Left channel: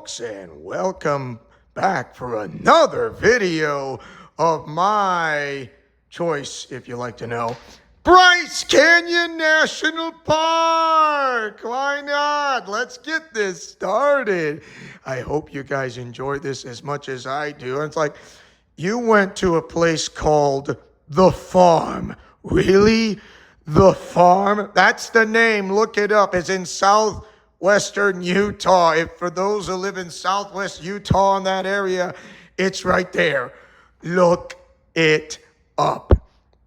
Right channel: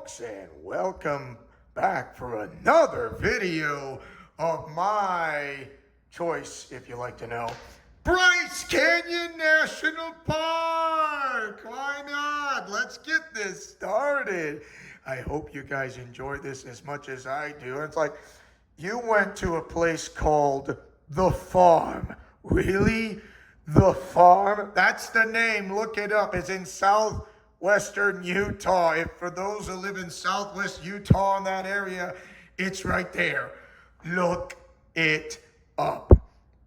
folks, and welcome back for another video of my choice, if you like to know. Bryce Canyon National Park! Why not? Let's get this started. I hope you guys enjoy this as much as I do. It's like, you went to a place called The Farm. Really? The Farm? That's the name. Look it up. It's in southwestern Utah. If for those who live in southwest Utah in that area, it's right there. Look it up.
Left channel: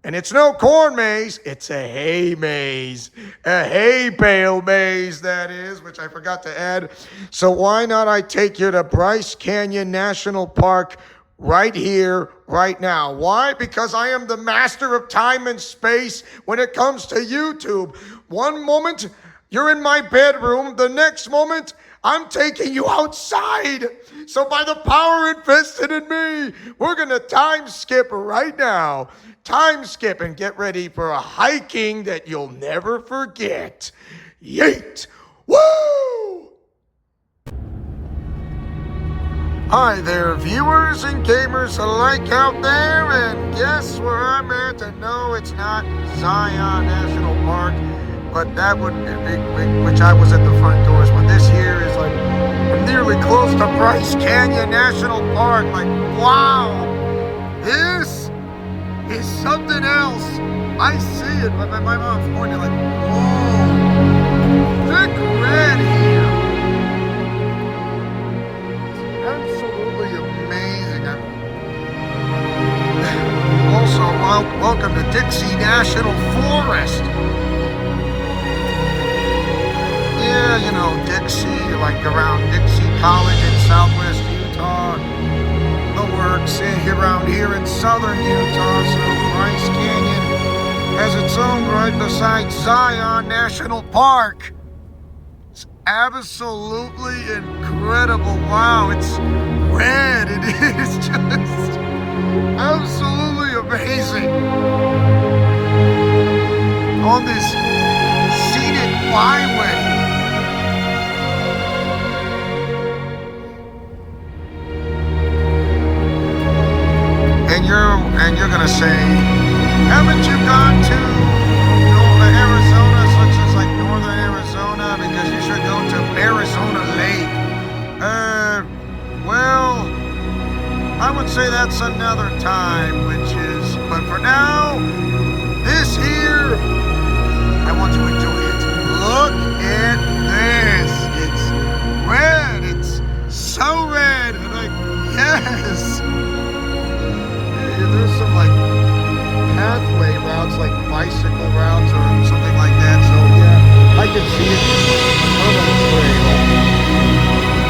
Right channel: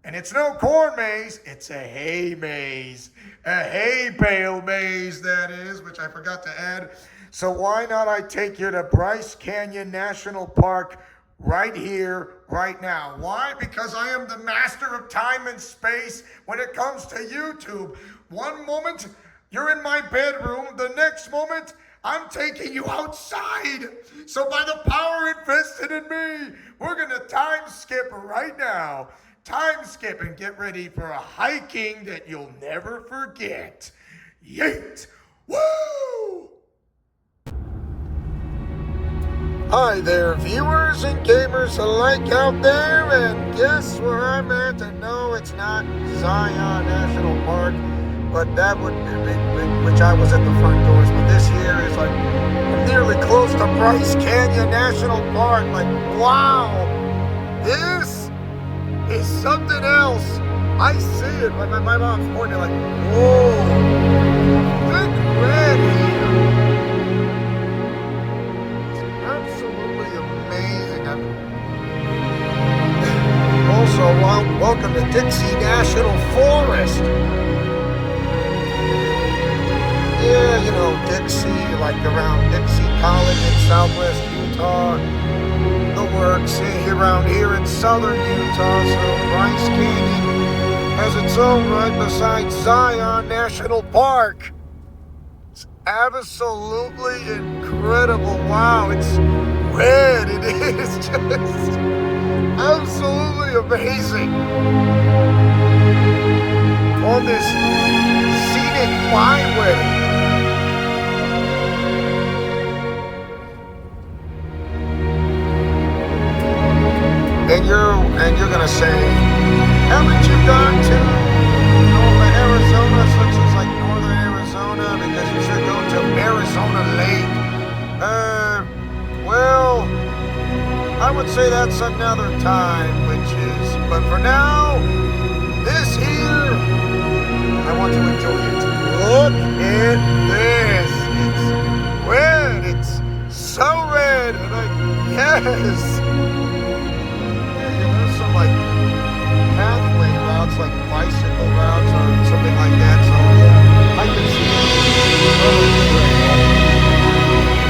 And it's no corn maze, it's a hay maze. A hay bale maze, that is, which I forgot to add. So why not I take you to Bryce Canyon National Park right here, right now. Why? Because I am the master of time and space when it comes to YouTube. One moment, you're in my bedroom. The next moment, I'm taking you outside. So by the power invested in me, we're going to time skip right now. Time skip and get ready for a hiking that you'll never forget. Yeet! Woo! Hi there, viewers and gamers alike out there, and guess where I'm at? And no, it's not Zion National Park, but that would be, which I was at the front doors, but this here is like, I'm nearly close to Bryce Canyon National Park. Like, wow, this is something else. I see it, but my mom's pointing like, whoa, thick red here. Absolutely amazing. Also, welcome to Dixie National Forest. Yeah, you know, Dixie, like around Dixie College in southwest Utah. The works around here in southern Utah. So Bryce Canyon has its own right beside Zion National Park. It's absolutely incredible. Wow, it's red. It is just absolutely amazing. On this scenic byway. And you're gonna say, haven't you gone to Arizona, such as like northern Arizona, because you should go to Arizona Lake? Well, I would say that's another time, but for now, this here, I want to enjoy it. Look at this. It's red. It's so red. Like, yes. There's some like pathway routes, like bicycle routes or something like that. So yeah, I can see it.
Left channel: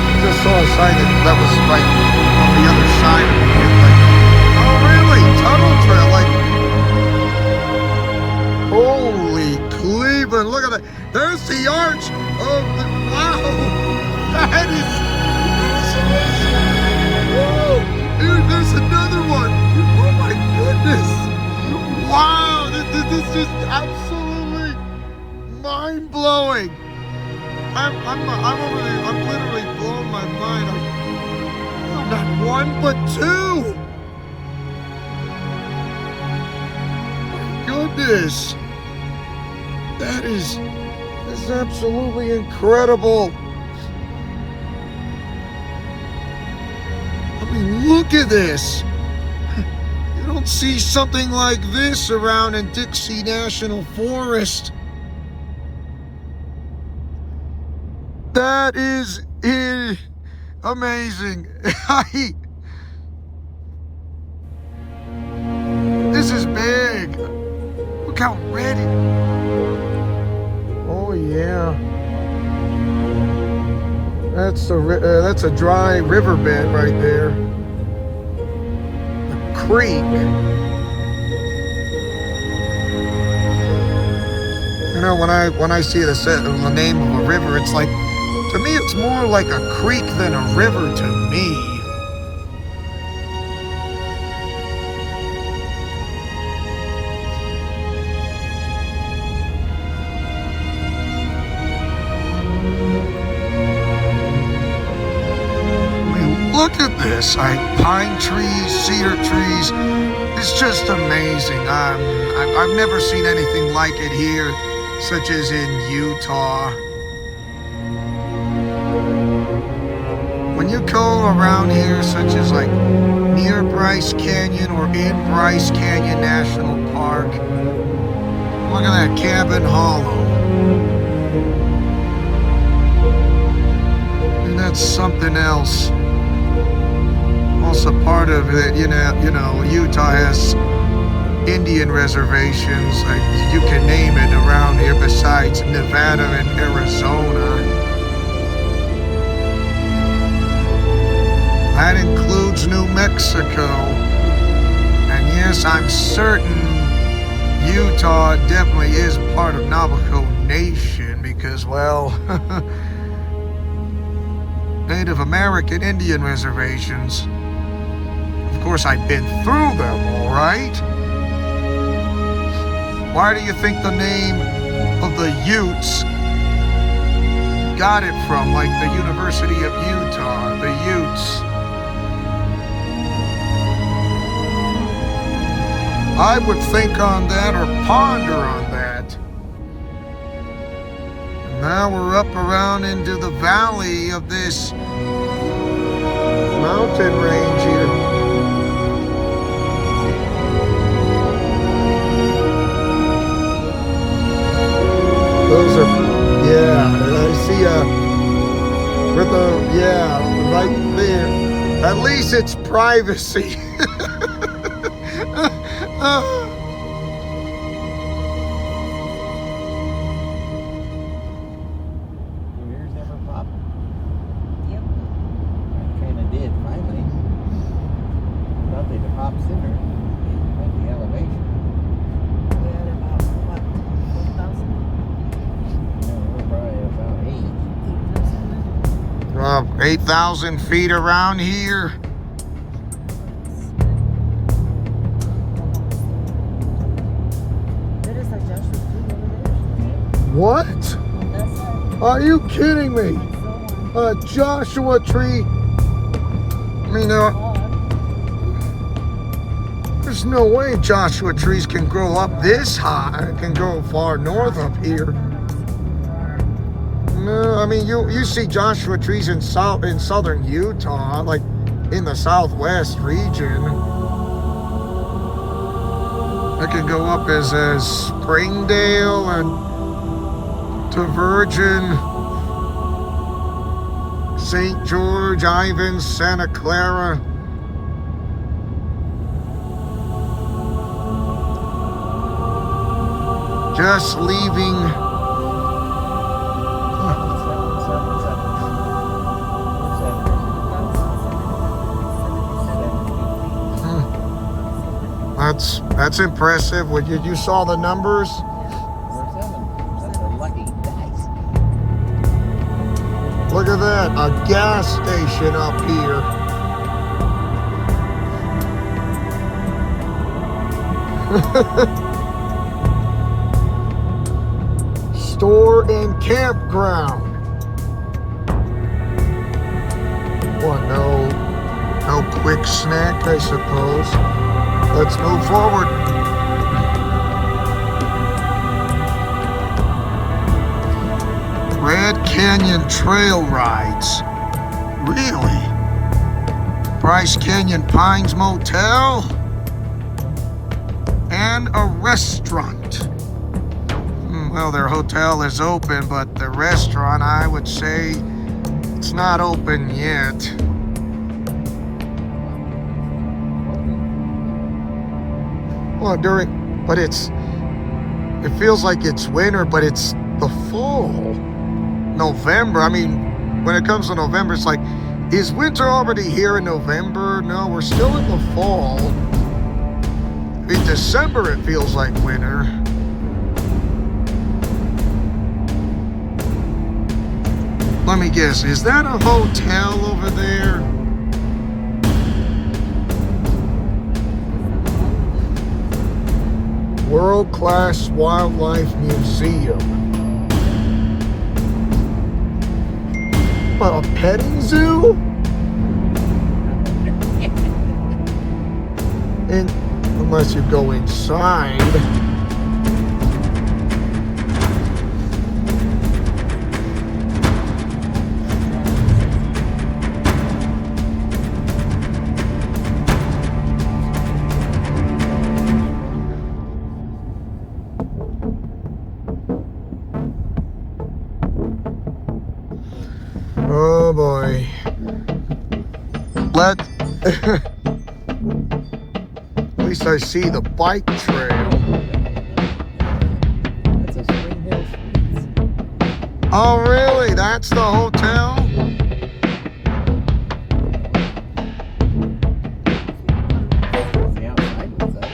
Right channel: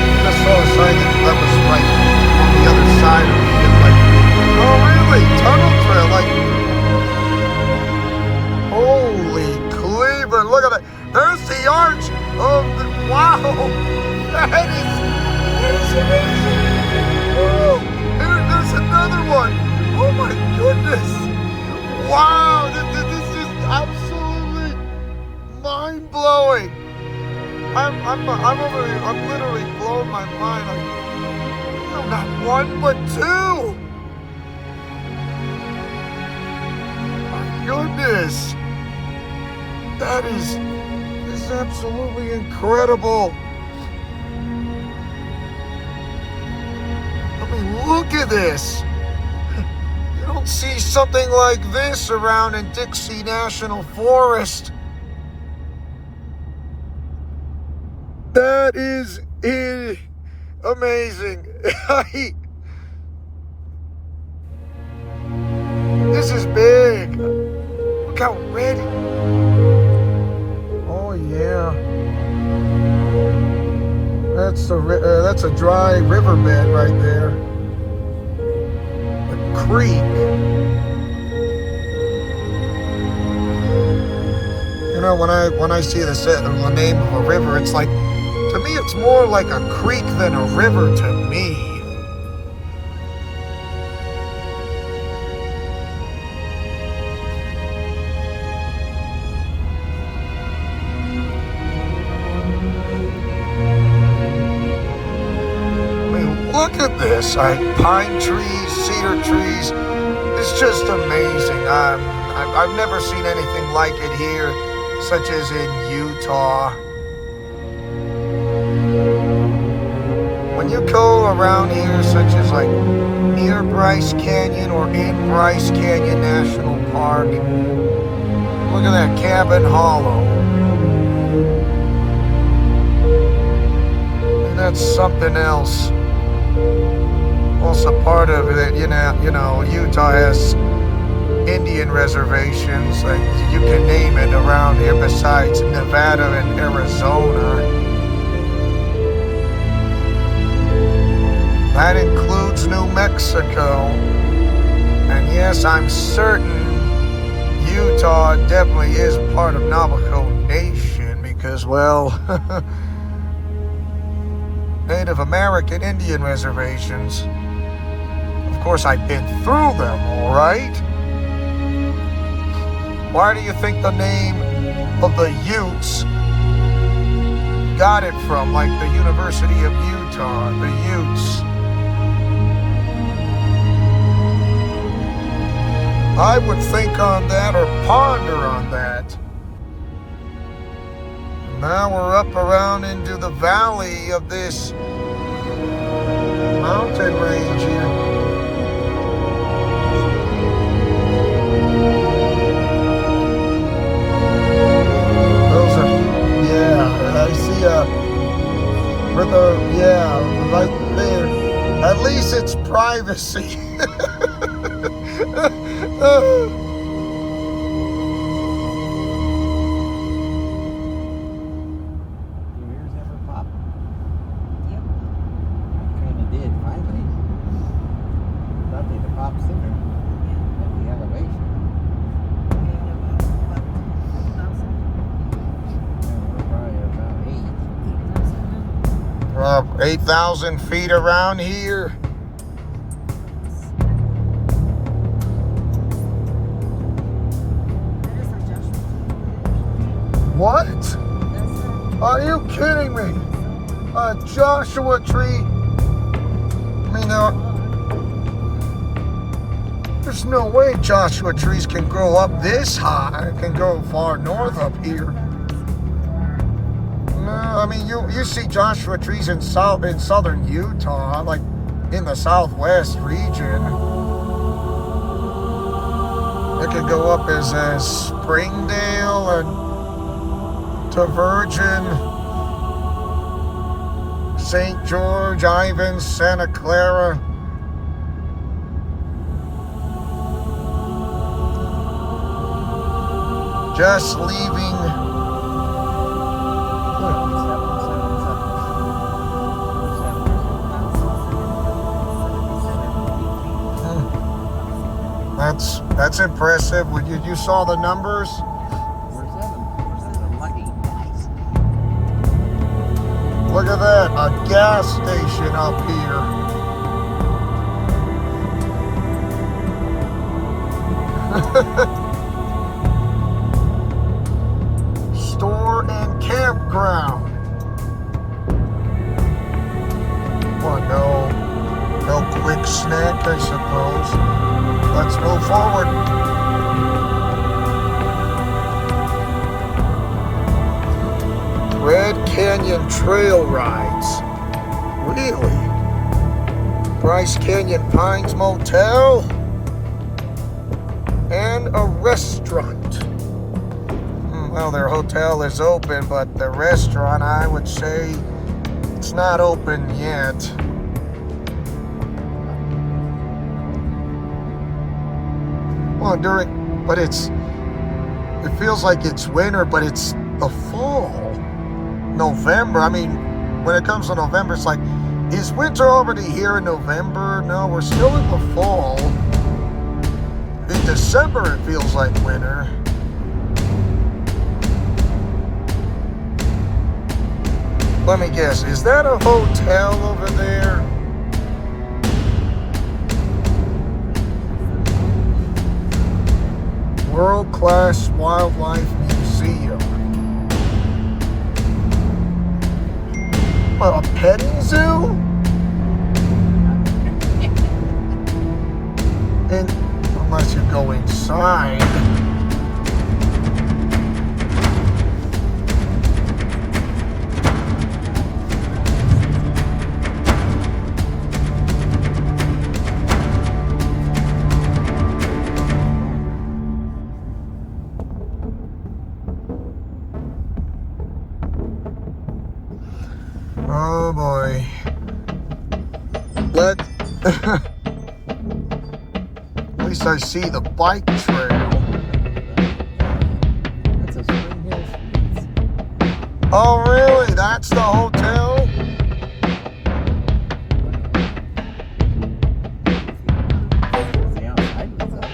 I just saw a sign that was like on the other side of me. Like, oh really? Tunnel trail? Like, holy Cleveland! Look at that. There's the arch of the. Wow, that is amazing. Woo! Dude, there's another one. Oh my goodness! Wow, this is absolutely mind-blowing. I'm literally blowing my mind. I'm not one, but two. My goodness, this is absolutely incredible. I mean, look at this. See something like this around in Dixie National Forest. That is amazing. This is big. Look how red it is. Oh yeah. That's a dry riverbed right there. Creek. You know, when I see the name of a river, it's like, to me, it's more like a creek than a river to me. this. Pine trees, cedar trees. It's just amazing. I've never seen anything like it here, such as in Utah. When you go around here, such as like near Bryce Canyon or in Bryce Canyon National Park, look at that Cabin Hollow. And that's something else. Also part of it, you know, Utah has Indian reservations, like you can name it around here besides Nevada and Arizona. That includes New Mexico. And yes, I'm certain Utah definitely is part of Navajo Nation because, well, Native American Indian reservations. Of course, I've been through them, right? Where do you think the name of the Utes got it from? Like the University of Utah, the Utes. I would think on that or ponder on that. Now we're up around into the valley of this mountain range here. Those are, yeah, I see right there. At least it's privacy. Yours ever pop? Yep. Kind of did finally. Thought they'd have popped sooner at the elevation. We had about, what, 1,000? No, we're probably about 8. 8,000 feet around here. What? Are you kidding me? A Joshua tree? I mean, there's no way Joshua trees can grow up this high. It can go far north up here. No, I mean, you see Joshua trees in southern Utah, like in the southwest region. It can go up as Springdale and to Virgin, St. George, Ivins, Santa Clara. Just leaving. That's impressive. You saw the numbers? Look at that, a gas station up here. Store and campground. What, no quick snack, I suppose. Let's move forward. Red Canyon Trail Rides. Really? Bryce Canyon Pines Motel? And a restaurant. Well, their hotel is open, but the restaurant, I would say, it's not open yet. Well, but it feels like it's winter, but it's the fall. November. I mean, when it comes to November, it's like, is winter already here in November? No, we're still in the fall. In December, it feels like winter. Let me guess, is that a hotel over there? World-class Wildlife Museum. A petting zoo? And unless you go inside. Oh boy. At least I see the bike trail. It's a Spring Hill Suites. Oh really? That's the hotel? The outside was up.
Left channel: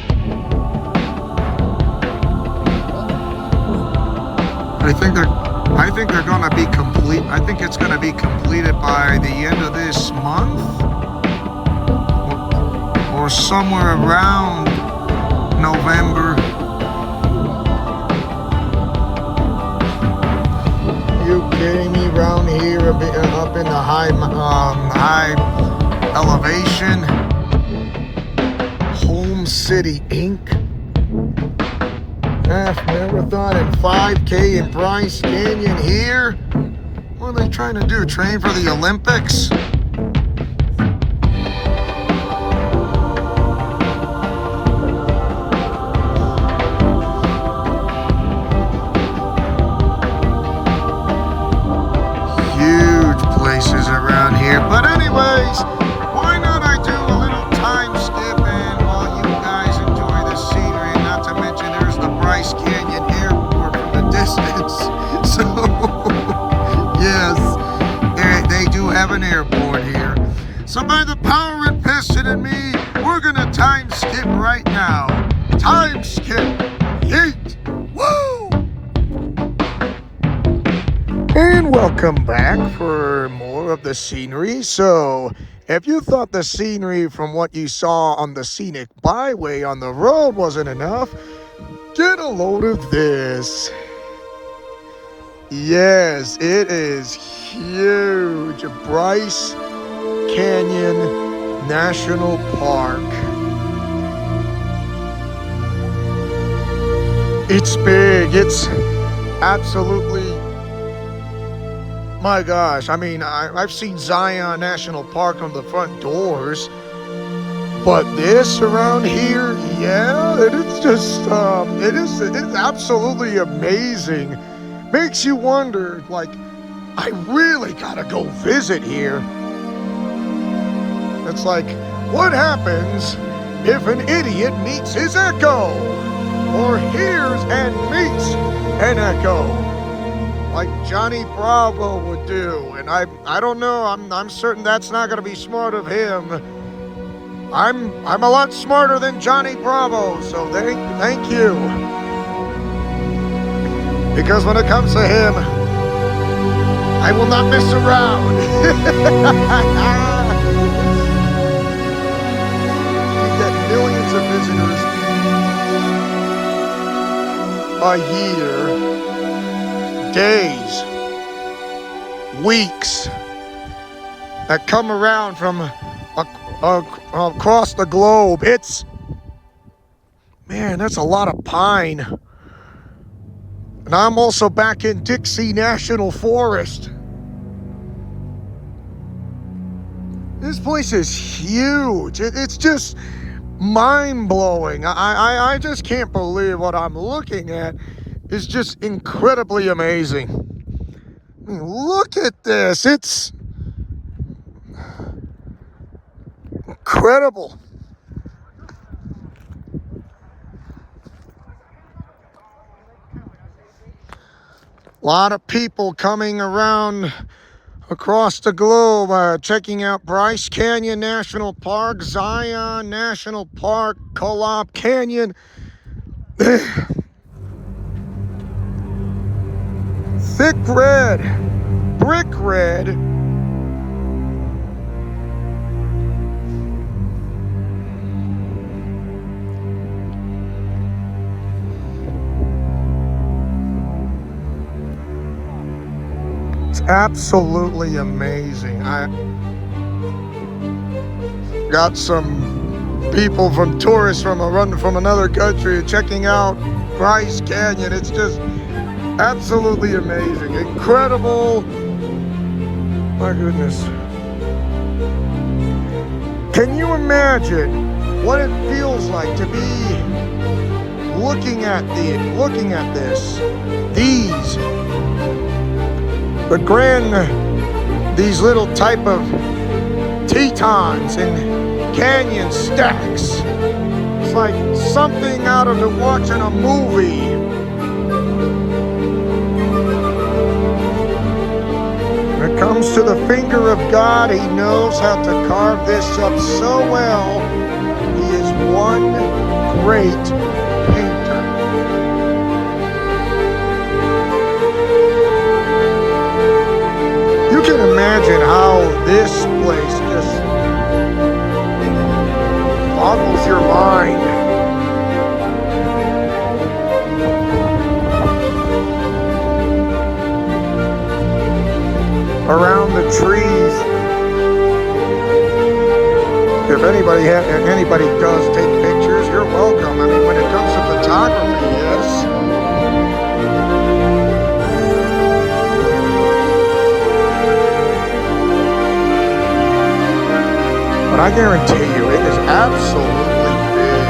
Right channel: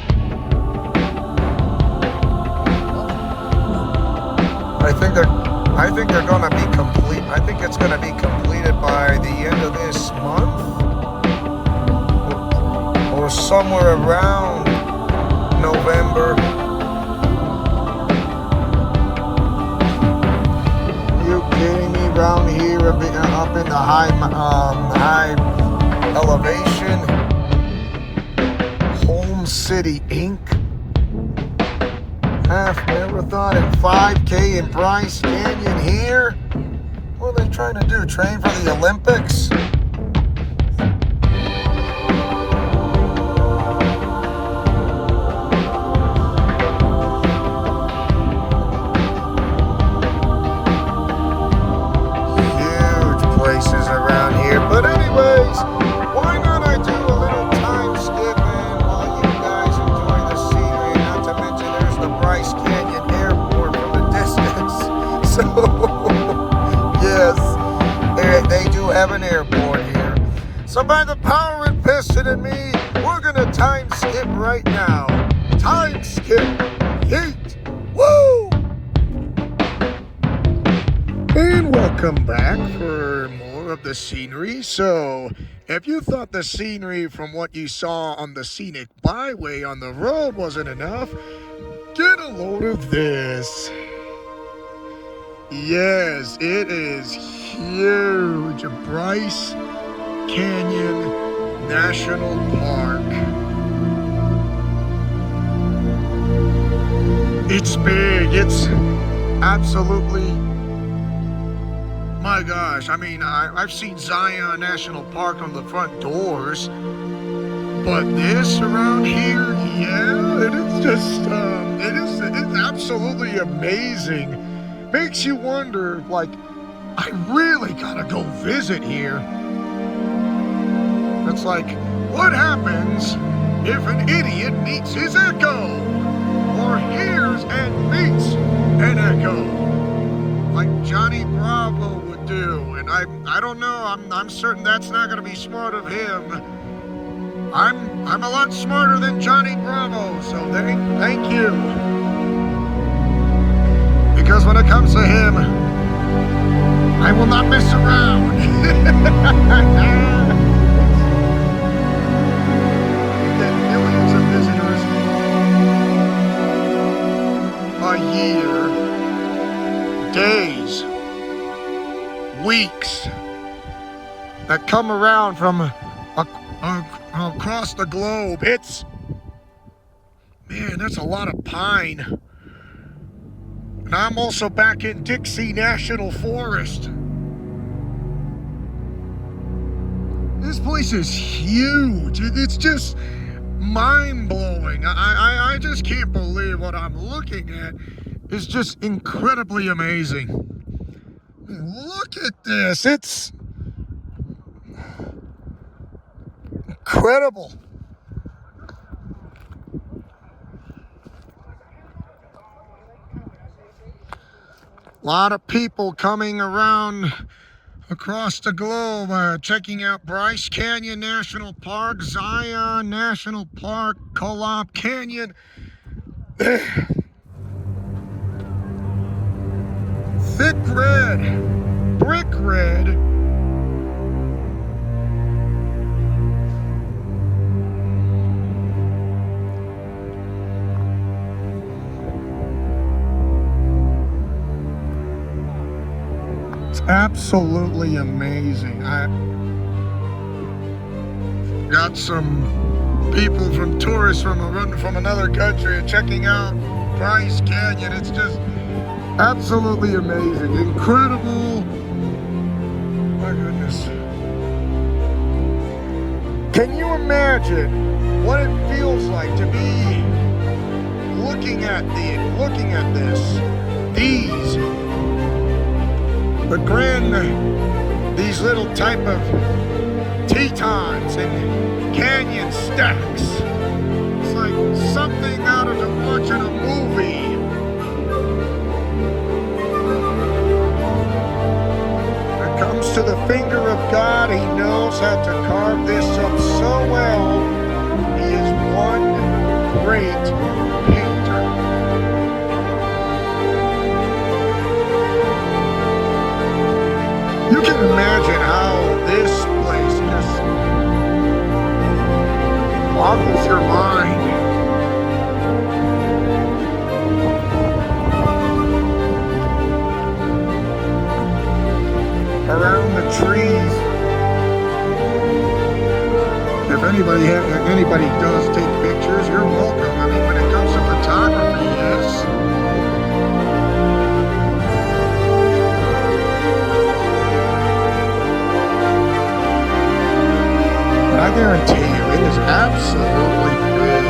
I think they're gonna be complete. I think it's gonna be completed by the end of this month. Or somewhere around November. You kidding me? Around here, up in the high elevation, Home City Inc. Half marathon and 5K in Bryce Canyon here. What are they trying to do? Train for the Olympics? Have an airport here. So by the power invested in me, we're gonna time skip right now. Time skip. Yeet. Woo! And welcome back for more of the scenery. So if you thought the scenery from what you saw on the scenic byway on the road wasn't enough, get a load of this. Yes, it is huge. Bryce Canyon National Park. It's big. It's absolutely, my gosh. I mean, I've seen Zion National Park on the front doors, but this around here, yeah, it is just, it's absolutely amazing. Makes you wonder, like, I really gotta go visit here. It's like, what happens if an idiot meets his echo? Or hears and meets an echo? Like Johnny Bravo would do. And I don't know, I'm certain that's not gonna be smart of him. I'm a lot smarter than Johnny Bravo, so thank you. Because when it comes to him, I will not mess around. You get millions of visitors a year, days, weeks, that come around from across the globe. Man, that's a lot of pine. And I'm also back in Dixie National Forest. This place is huge. It's just mind-blowing. I just can't believe what I'm looking at. It's just incredibly amazing. I mean, look at this. It's incredible. A lot of people coming around across the globe, checking out Bryce Canyon National Park, Zion National Park, Co-op Canyon. Thick red, brick red. Absolutely amazing. I got some people, from tourists from another country checking out Bryce Canyon. It's just absolutely amazing, incredible. My goodness. Can you imagine what it feels like to be looking at this? These little type of tetons and canyon stacks. It's like something out of watching a movie. When it comes to the finger of God, He knows how to carve this up so well. He is one great painter. You can imagine how this place just boggles your mind. Around the trees. If anybody does take pictures, you're welcome. I mean, when it comes to photography, yes. But I guarantee you, it is absolutely big.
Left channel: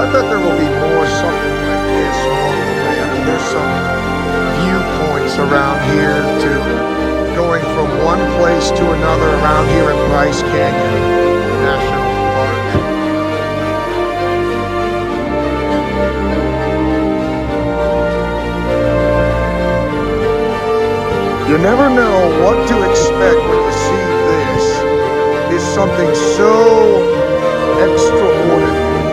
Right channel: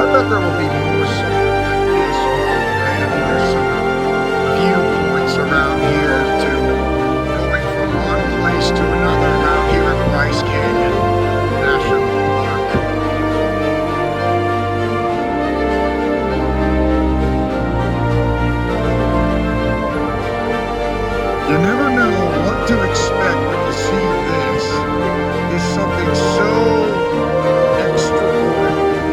I bet there will be more something like this. I mean, there's some viewpoints around here to going from one place to another around here in Bryce Canyon National Park. You never know what to expect when you see this. It's something so extraordinary.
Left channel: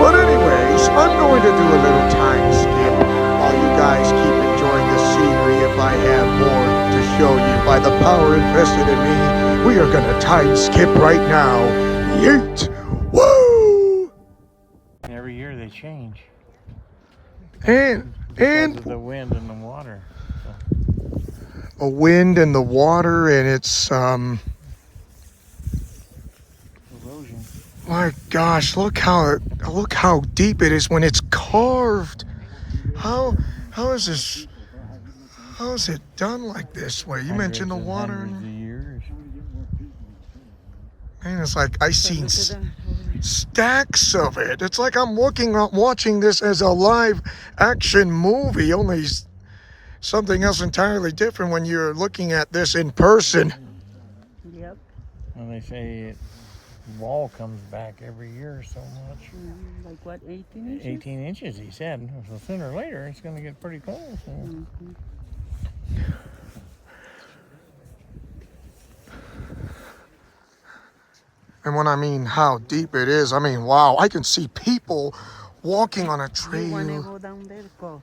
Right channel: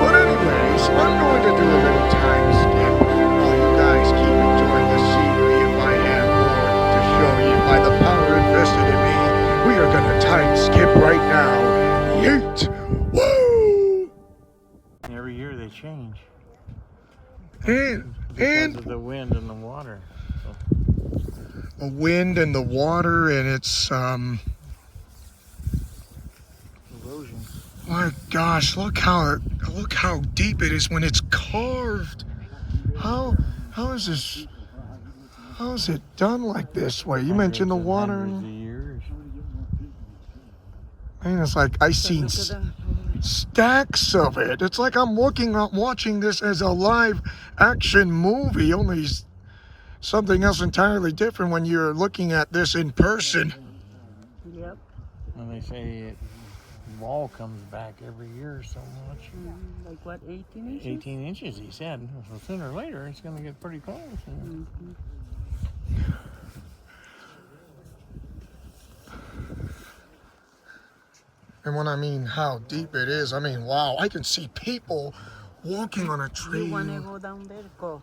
But anyways, I'm going to do a little time skip while you guys keep enjoying the scenery. If I have more to show you by the power invested in me, we are going to time skip right now. Yeet! Woo! Every year they change. And Because of the wind and the water. a wind and the water, and it's Erosion. my gosh, look how deep it is when it's carved. How is this? How is it done like this way? You mentioned the water. Hundreds of years. Man, it's like I seen stacks of it. It's like I'm watching this as a live action movie, only something else entirely different when you're looking at this in person. Yep. And they say the wall comes back every year so much. Like what, 18 inches? 18 inches, he said. So sooner or later, it's going to get pretty close. So. Mm-hmm. And when I mean how deep it is, I mean, wow, I can see people walking on a You want to trail. go down there? Go.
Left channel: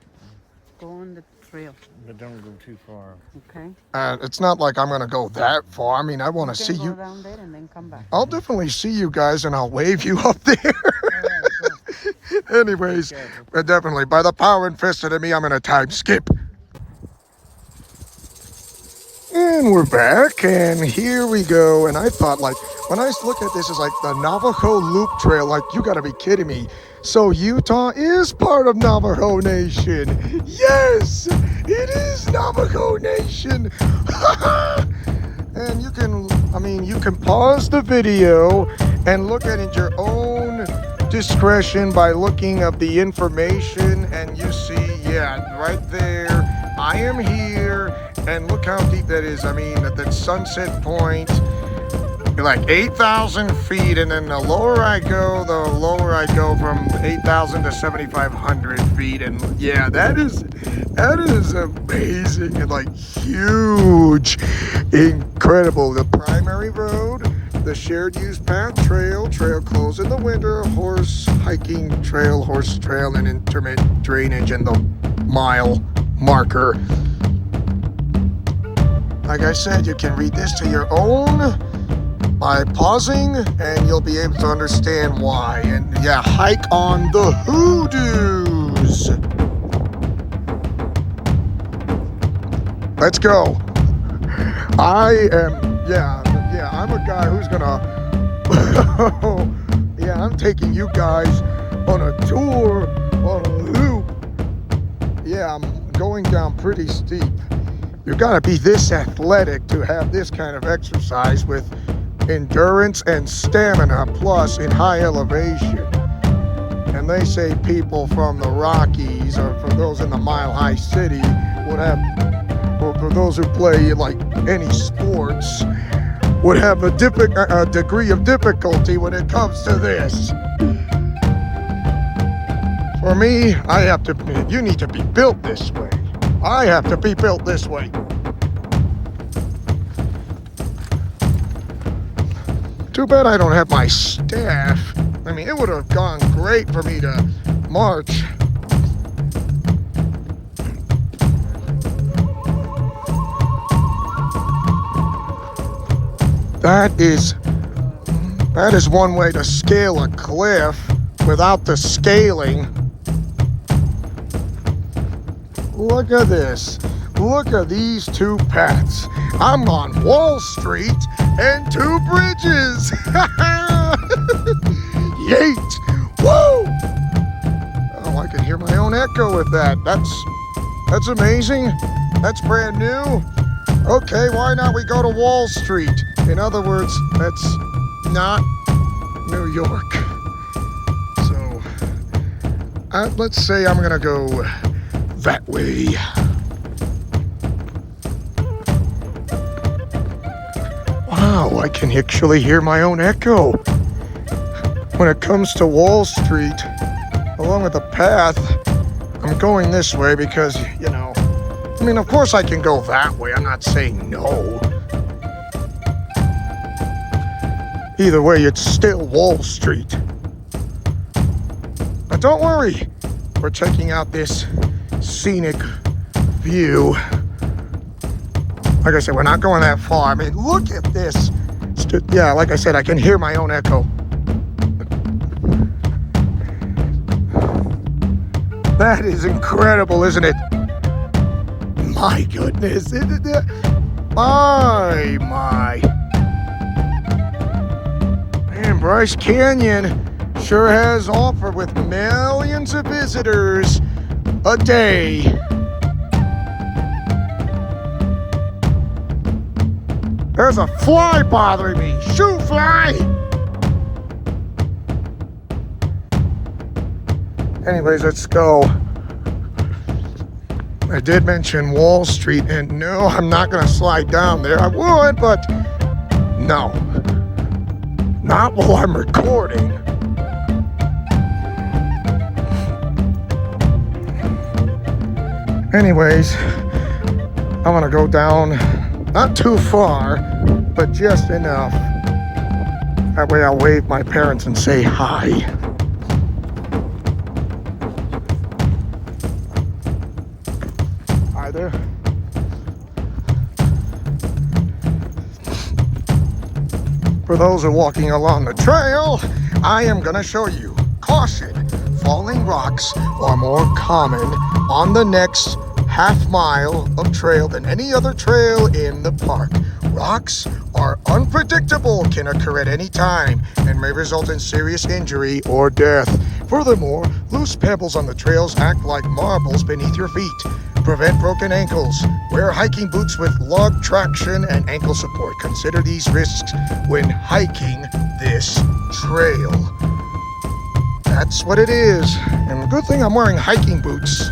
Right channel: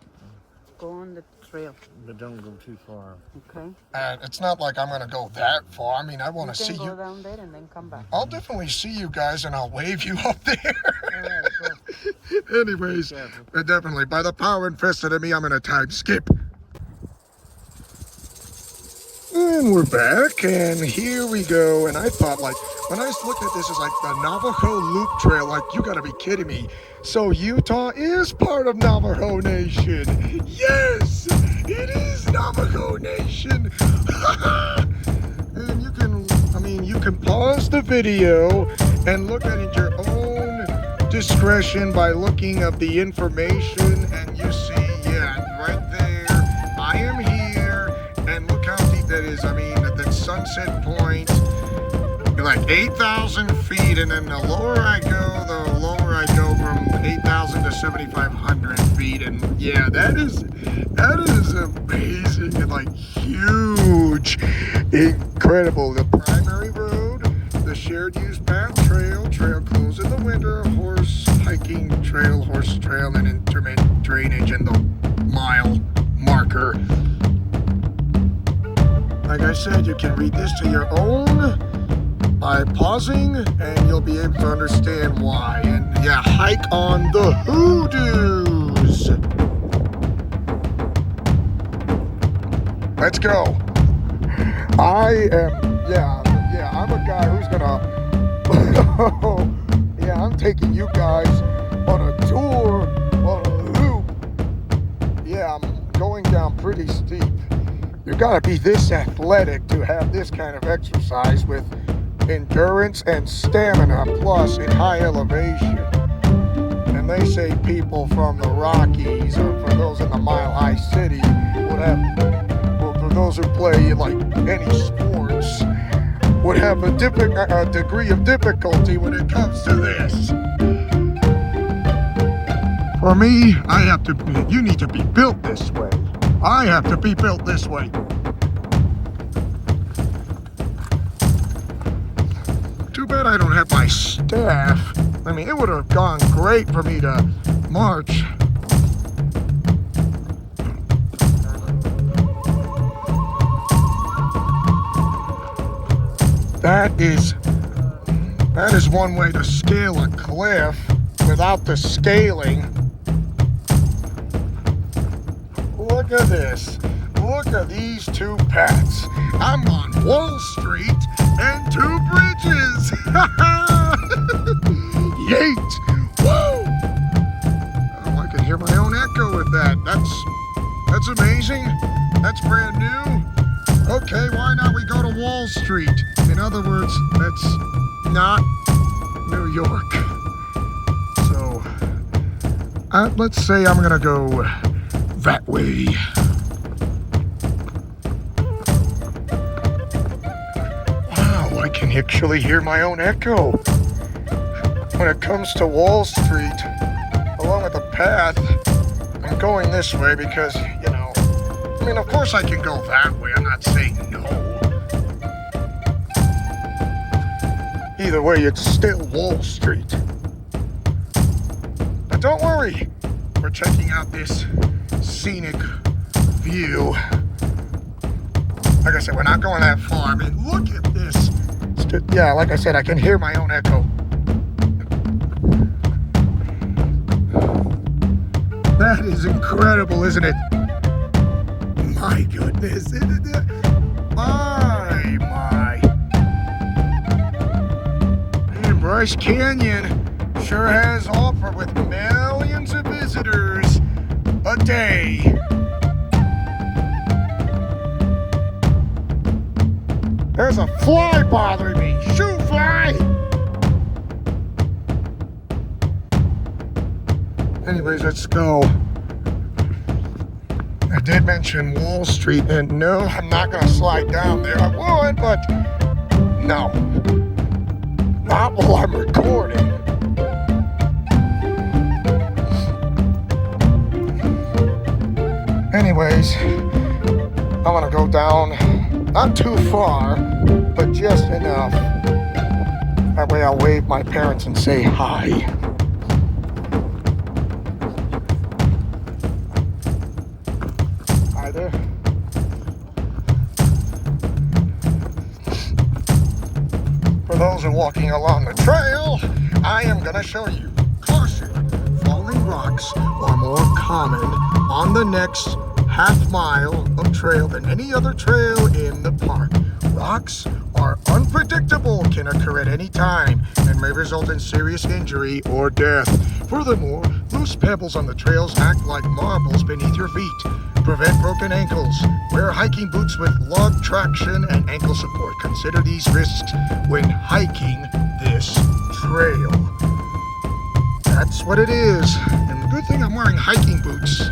Go on the trail. But don't go too far. Okay. And it's not like I'm going to go that far. I mean, I want to see Go you. down there and then come back. I'll definitely see you guys and I'll wave you up there. Anyways, but definitely, by the power invested in me, I'm going to time skip. And we're back, and here we go. And I thought, like, when I look at this, it's like the Navajo Loop Trail. Like, you gotta be kidding me. So Utah is part of Navajo Nation. Yes, it is Navajo Nation. And you can pause the video and look at it your own discretion by looking up the information, and you see, yeah, right there, I am here. And look how deep that is. I mean, at that sunset point, like 8,000 feet. And then the lower I go from 8,000 to 7,500 feet. And yeah, that is amazing and like huge, incredible. The primary road, the shared use path trail closed in the winter, horse trail, and intermittent drainage, and the mile marker. Like I said, you can read this to your own by pausing, and you'll be able to understand why. And yeah, hike on the hoodoos. Let's go. I'm a guy who's gonna taking you guys on a tour on a loop. Yeah, I'm going down pretty steep. You gotta be this athletic to have this kind of exercise with endurance and stamina, plus in high elevation. And they say people from the Rockies, or for those in the Mile High City, would have, well, for those who play like any sports, would have a degree of difficulty when it comes to this. For me, you need to be built this way. I have to be built this way. Too bad I don't have my staff. I mean, it would have gone great for me to march. That is one way to scale a cliff without the scaling. Look at this. Look at these two paths. I'm on Wall Street and two bridges. Yeet! Woo! Oh, I can hear my own echo with that. That's amazing. That's brand new. Okay, why not we go to Wall Street? In other words, that's not New York. So, let's say I'm gonna go that way. Wow, I can actually hear my own echo. When it comes to Wall Street, along with the path, I'm going this way because, you know, I mean, of course I can go that way. I'm not saying no. Either way, it's still Wall Street. But don't worry, we're checking out this scenic view. Like I said, we're not going that far. I mean, look at this. Yeah, like I said, I can hear my own echo. That is incredible, isn't it? My goodness. My. Man, Bryce Canyon sure has offered with millions of visitors a day. There's a fly bothering me. Shoot, fly! Anyways, let's go. I did mention Wall Street, and no, I'm not going to slide down there. I would, but no. Not while I'm recording. Anyways, I'm going to go down, not too far, but just enough. That way I'll wave my parents and say hi. For those who are walking along the trail, I am going to show you. Caution, falling rocks are more common on the next half mile of trail than any other trail in the park. Rocks are unpredictable, can occur at any time, and may result in serious injury or death. Furthermore, loose pebbles on the trails act like marbles beneath your feet. Prevent broken ankles. Wear hiking boots with lug traction and ankle support. Consider these risks when hiking this trail. That's what it is. And the good thing I'm wearing hiking boots.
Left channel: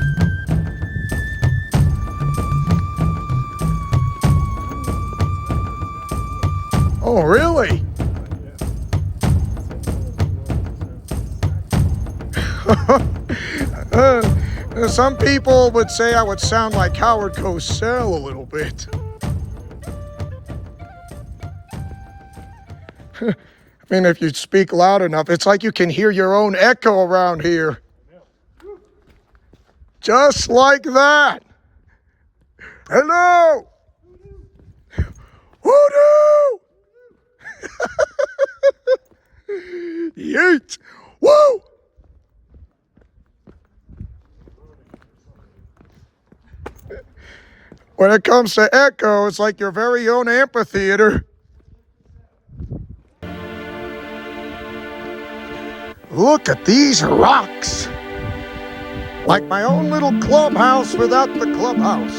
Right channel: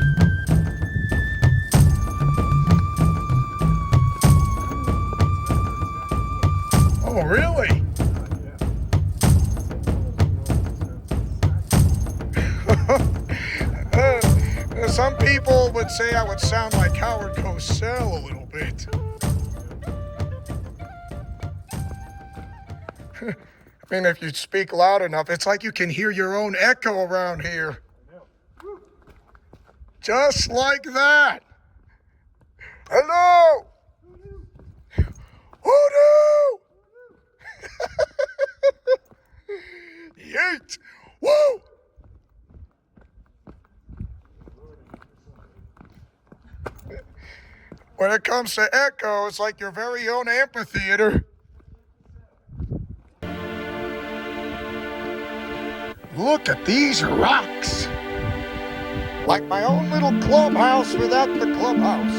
Oh, really? Some people would say I would sound like Howard Cosell a little bit. I mean, if you speak loud enough, it's like you can hear your own echo around here. Just like that. Hello. Woo-doo! Yeet! Woo! When it comes to echo, it's like your very own amphitheater. Look at these rocks. Like my own little clubhouse without the clubhouse.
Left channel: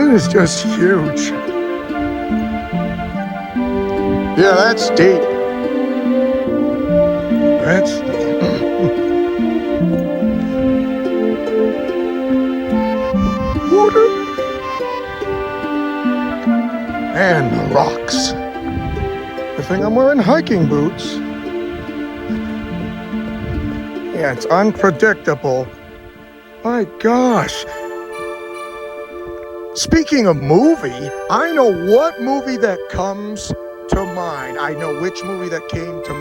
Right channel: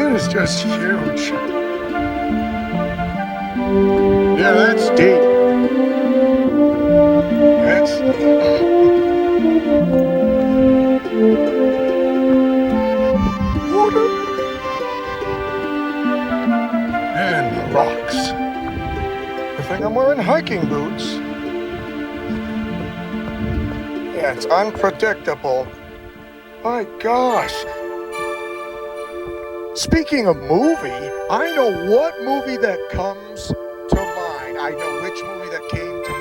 It is just huge. Yeah, that's deep. And rocks. I think I'm wearing hiking boots. Yeah, it's unpredictable. My gosh. Speaking of movie, I know what movie that comes to mind. I know which movie that came to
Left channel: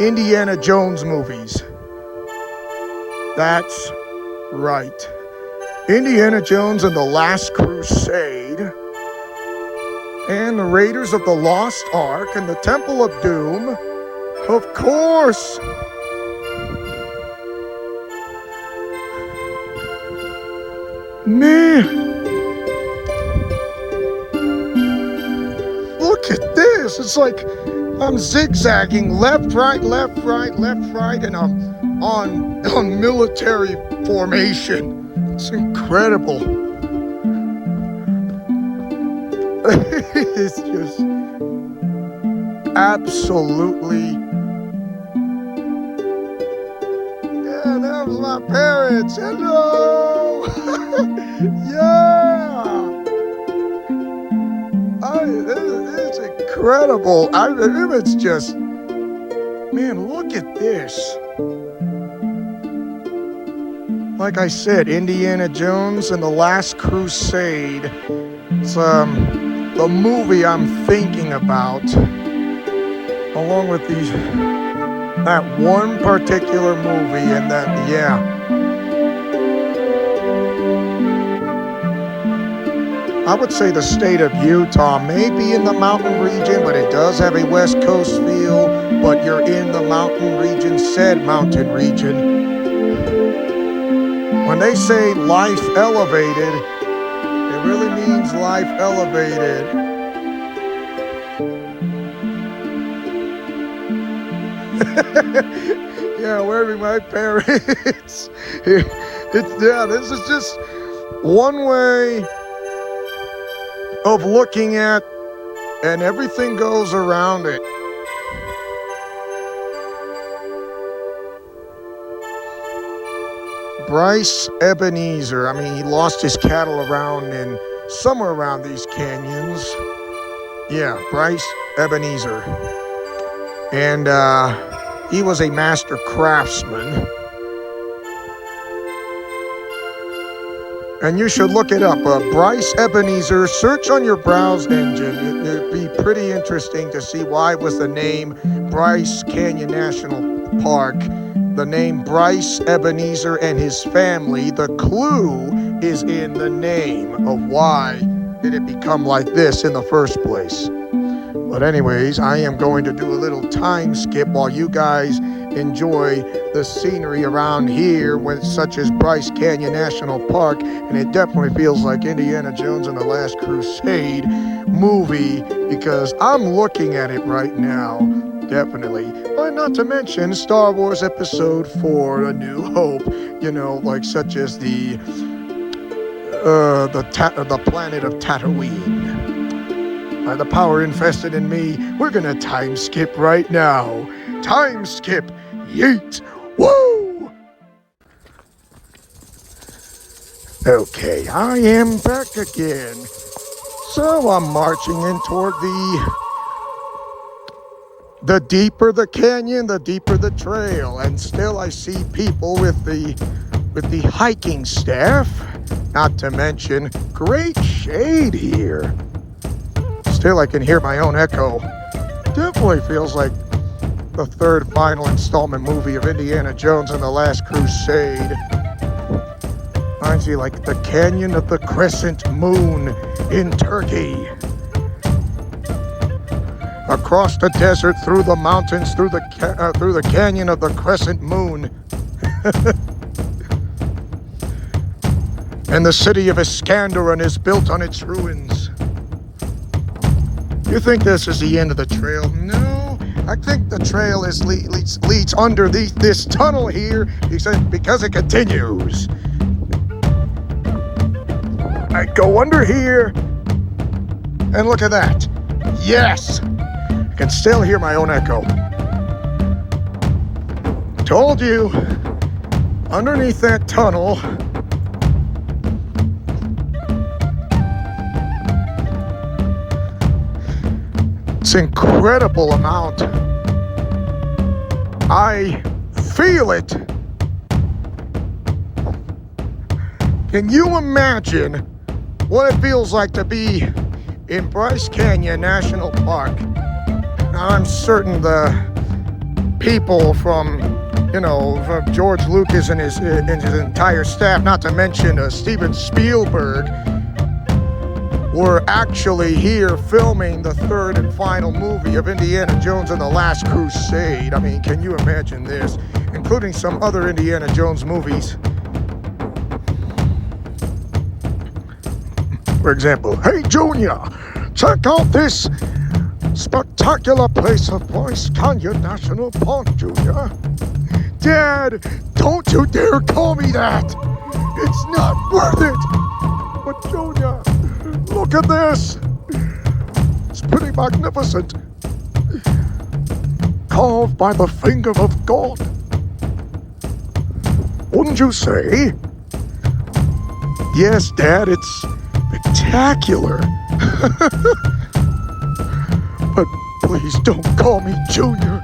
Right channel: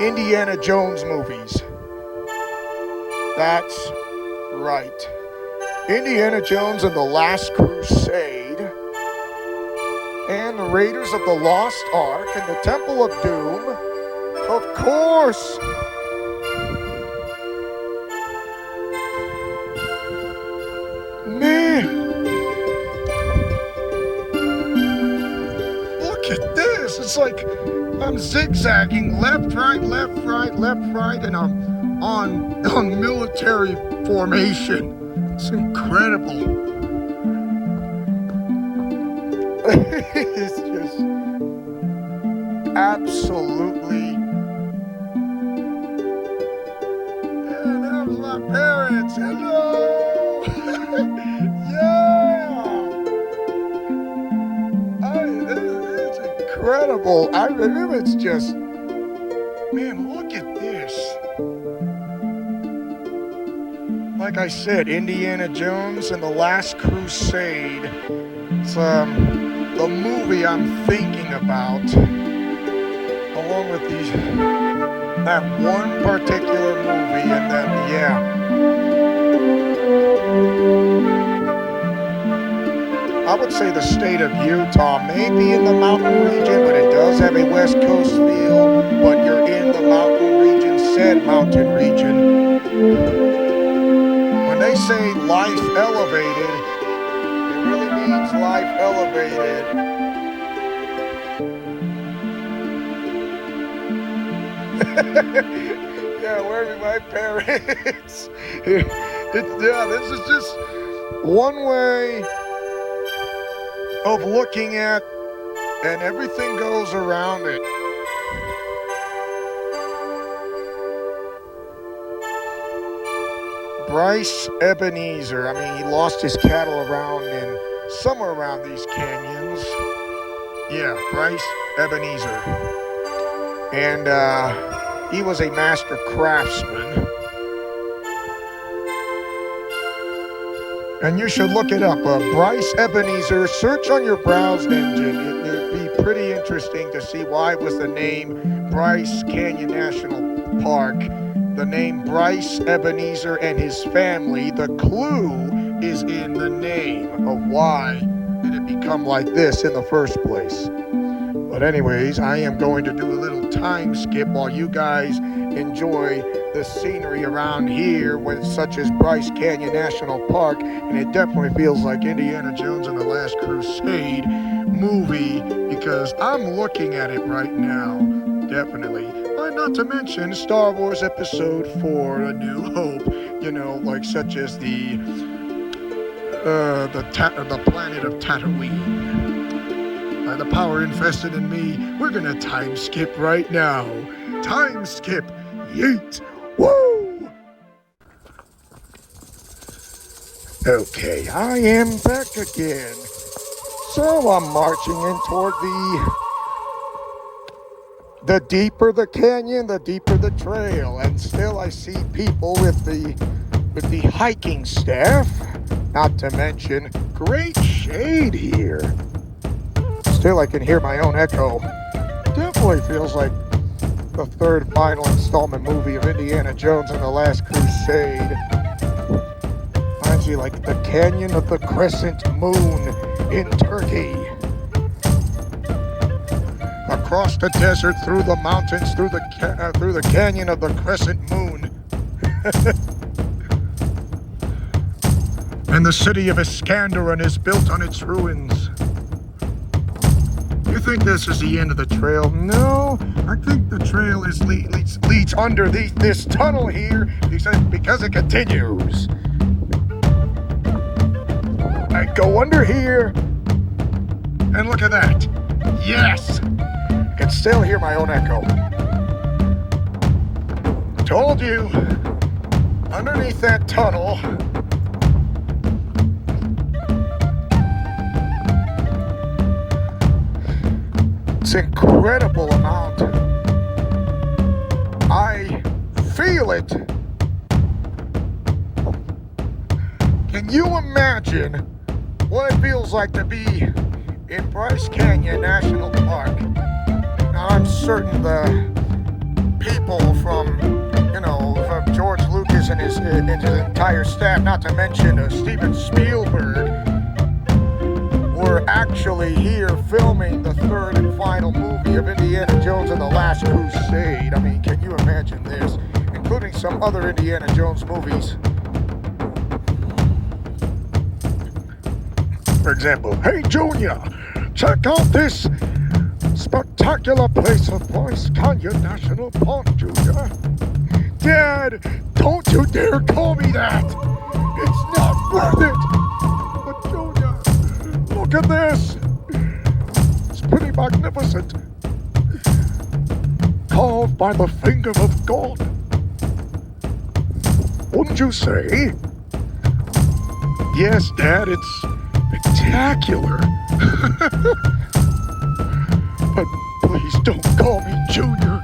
mind. Indiana Jones movies. That's right. Indiana Jones and the Last Crusade, and the Raiders of the Lost Ark, and the Temple of Doom, of course. Man, look at this. It's like I'm zigzagging left, right, left, right, left, right, and I'm on military formation. It's incredible. It's just absolutely. Yeah, that was my parents. Hello. Yeah. It's incredible. It's just, man, look at this. Like I said, Indiana Jones and the Last Crusade. It's the movie I'm thinking about, along with that one particular movie, and that, yeah. I would say the state of Utah, maybe in the mountain region, but it does have a West Coast feel, but you're in the mountain region, said mountain region. When they say life elevated, it really means life elevated. Yeah, where are my parents? Yeah, this is just one way of looking at, and everything goes around it. Bryce Ebenezer. I mean, he lost his cattle around in somewhere around these canyons. Yeah, Bryce Ebenezer. And he was a master craftsman. And you should look it up. Bryce Ebenezer. Search on your browse engine. It'd be pretty interesting to see why was the name Bryce Canyon National Park. The name Bryce Ebenezer and his family, the clue is in the name of why did it become like this in the first place. But anyways, I am going to do a little time skip while you guys enjoy the scenery around here, such as Bryce Canyon National Park, and it definitely feels like Indiana Jones and the Last Crusade movie, because I'm looking at it right now, definitely. But not to mention Star Wars Episode 4, A New Hope, you know, like such as the planet of Tatooine. By the power invested in me, we're gonna time skip right now. Time skip, yeet, woo! Okay, I am back again. So I'm marching in toward the deeper the canyon, the deeper the trail, and still I see people with the hiking staff. Not to mention, great shade here. Still, I can hear my own echo. Definitely feels like the third final installment movie of Indiana Jones and the Last Crusade. Reminds you like the Canyon of the Crescent Moon in Turkey. Across the desert, through the mountains, through the Canyon of the Crescent Moon. And the city of Iskanderun is built on its ruins. You think this is the end of the trail? No, I think the trail leads under this tunnel here because it continues. I go under here, and look at that. Yes, I can still hear my own echo. Told you, underneath that tunnel, it's incredible amount. I feel it. Can you imagine what it feels like to be in Bryce Canyon National Park? Now, I'm certain the people from George Lucas and his entire staff, not to mention Steven Spielberg, were actually here filming the third and final movie of Indiana Jones and the Last Crusade. I mean, can you imagine this? Including some other Indiana Jones movies. For example, hey Junior, check out this spectacular place of Bryce Canyon National Park, Junior. Dad, don't you dare call me that! It's not worth it! But Junior, look at this! It's pretty magnificent. Carved by the finger of God. Wouldn't you say? Yes, Dad, it's spectacular. But please don't call me Junior.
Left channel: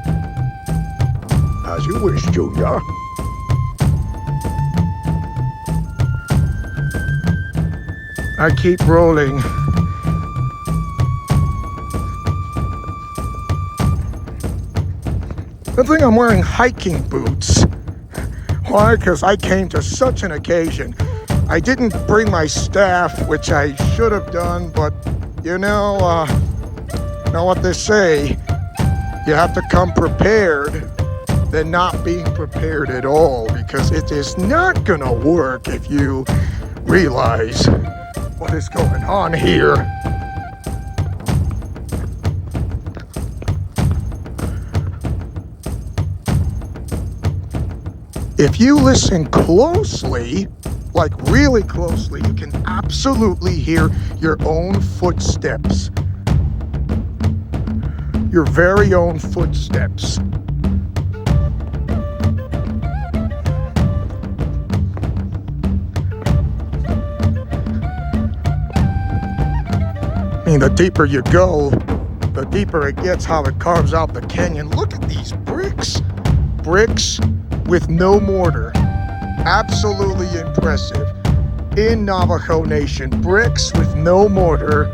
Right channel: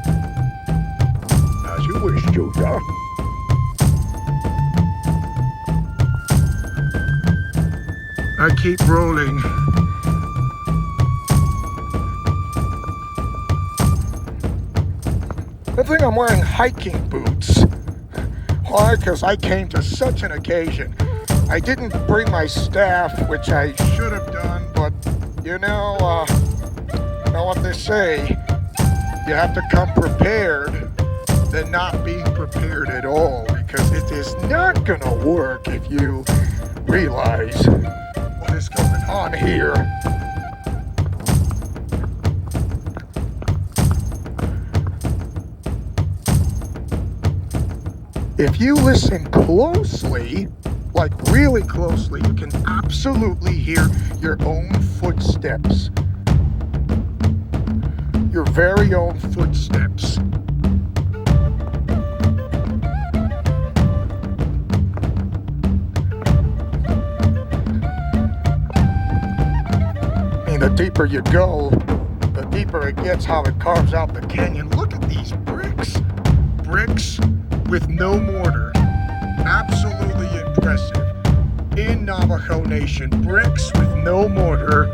As you wish, Junior. I keep rolling. I think I'm wearing hiking boots. Why? Because I came to such an occasion. I didn't bring my staff, which I should have done, but you know what they say. You have to come prepared than not being prepared at all, because it is not gonna work if you realize what is going on here. If you listen closely, like really closely, you can absolutely hear your own footsteps. Your very own footsteps. I mean, the deeper you go, the deeper it gets how it carves out the canyon. Look at these bricks. Bricks with no mortar. Absolutely impressive. In Navajo Nation, bricks with no mortar,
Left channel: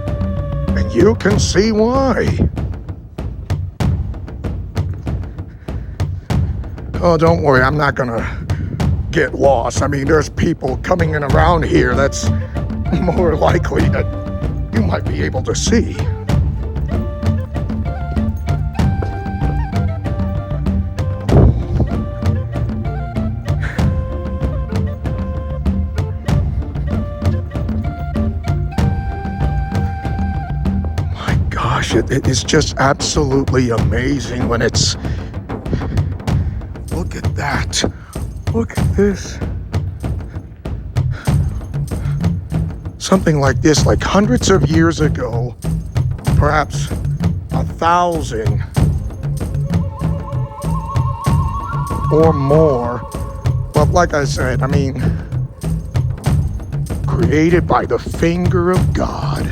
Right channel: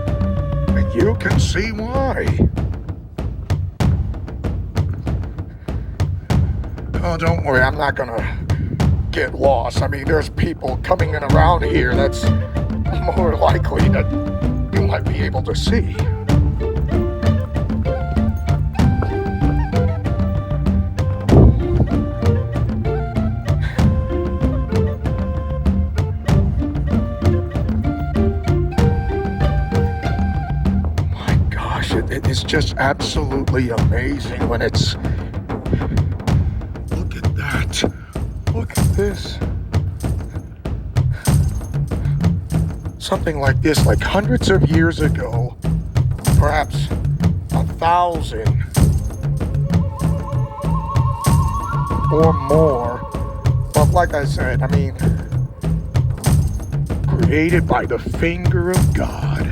and you can see why. Oh, don't worry, I'm not gonna get lost. I mean, there's people coming in around here that's more likely that you might be able to see. My gosh, it is just absolutely amazing when it's... Look at that. Look at this. Something like this, like hundreds of years ago, perhaps 1,000 or more. But like I said, I mean, created by the finger of God.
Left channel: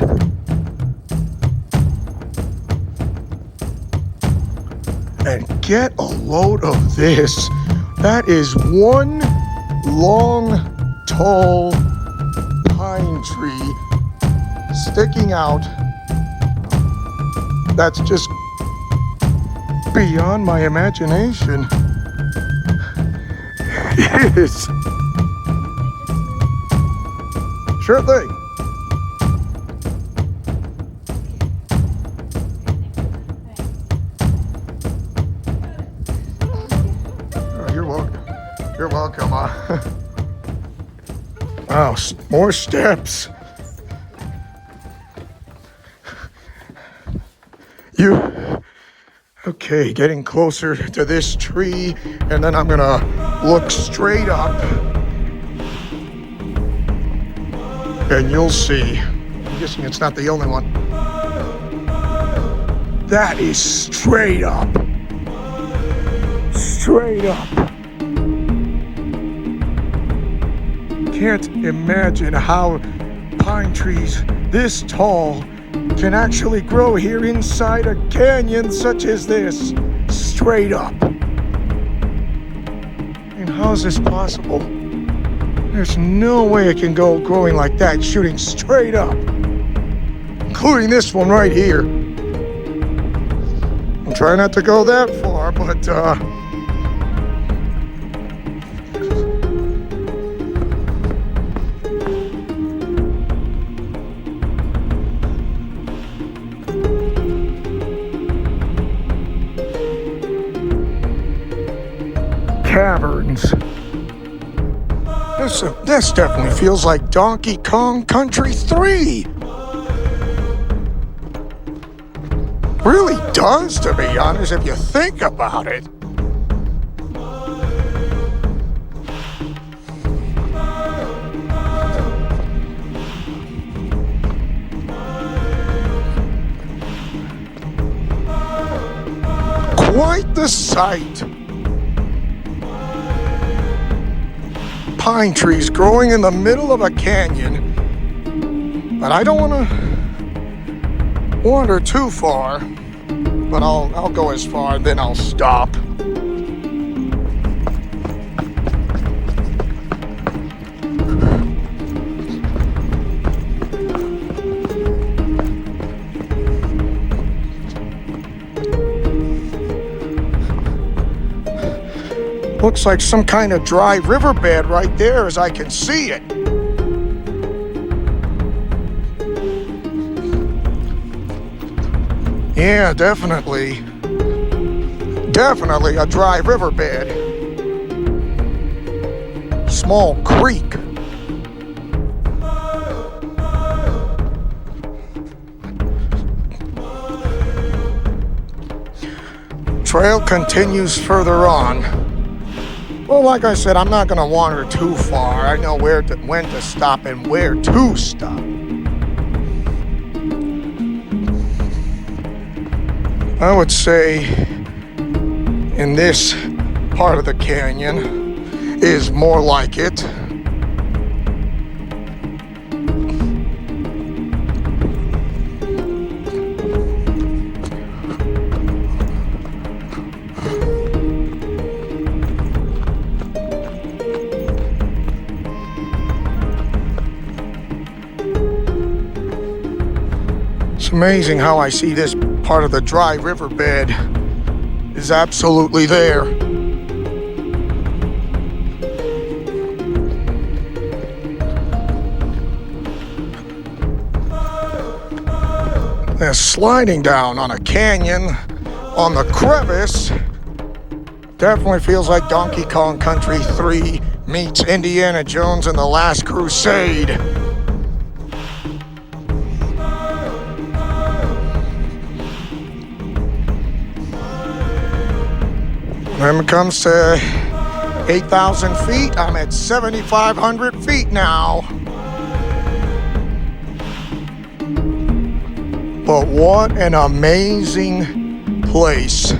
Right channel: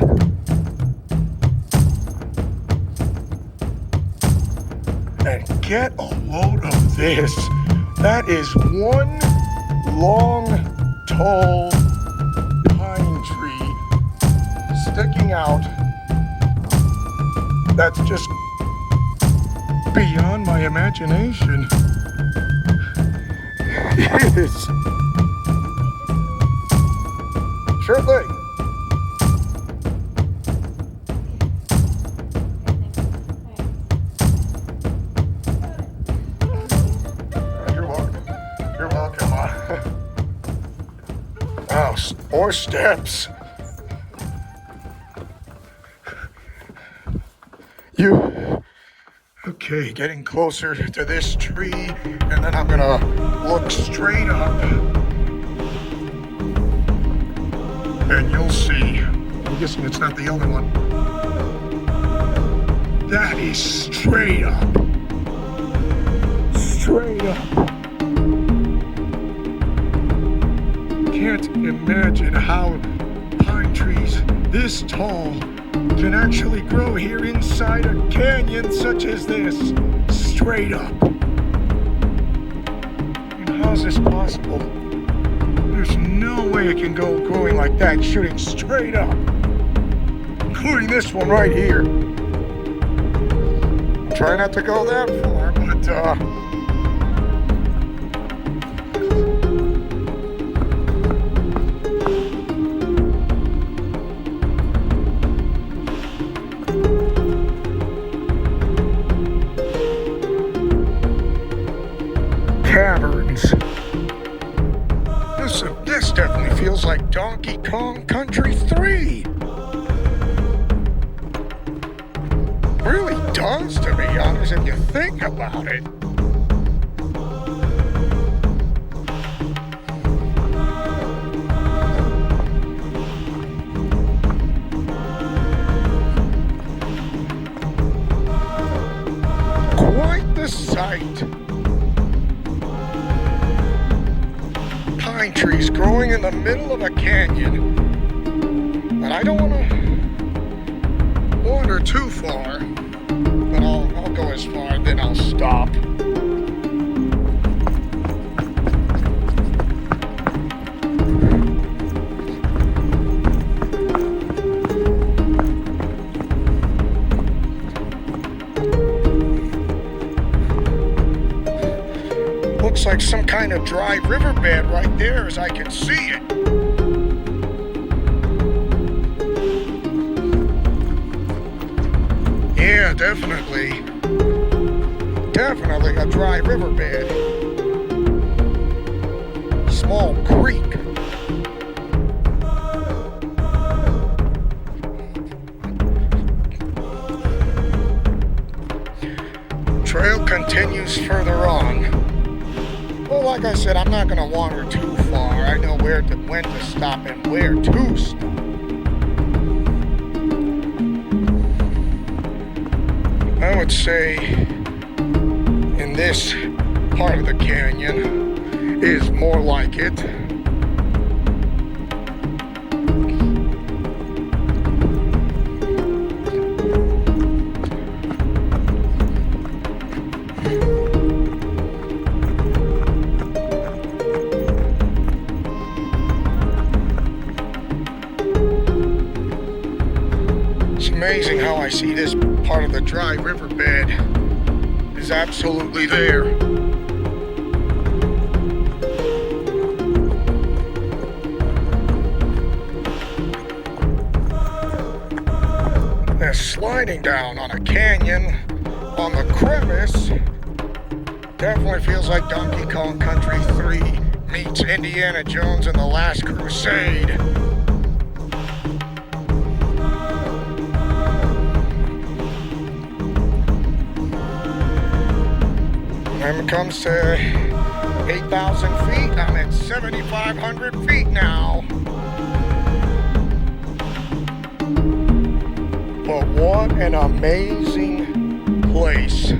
And get a load of this. That is one long, tall pine tree sticking out. That's just beyond my imagination. It is. Sure thing. You're welcome. You're welcome. Oh, more more steps. Okay, getting closer to this tree, and then I'm gonna look straight up, and you'll see. I'm guessing it's not the only one. That is straight up. Straight up. Can't imagine how pine trees this tall can actually grow here inside a canyon such as this. Straight up. And how is this possible? There's no way it can go growing like that, shooting straight up. Including this one right here. I'm trying not to go that far, but caverns. This definitely feels like Donkey Kong Country 3. Really does, to be honest, if you think about it. Quite the sight. Pine trees growing in the middle of a canyon. But I don't want to wander too far. But I'll go as far, then I'll stop. Looks like some kind of dry riverbed right there as I can see it. Yeah, definitely. Definitely a dry riverbed. Small creek. Trail continues further on. Well, like I said, I'm not going to wander too far. I know when to stop and where to stop. I would say in this part of the canyon is more like it. It's amazing how I see this part of the dry riverbed is absolutely there. They're sliding down on a canyon on the crevice. Definitely feels like Donkey Kong Country 3 meets Indiana Jones and the Last Crusade. When it comes to 8,000 feet, I'm at 7,500 feet now. But what an amazing place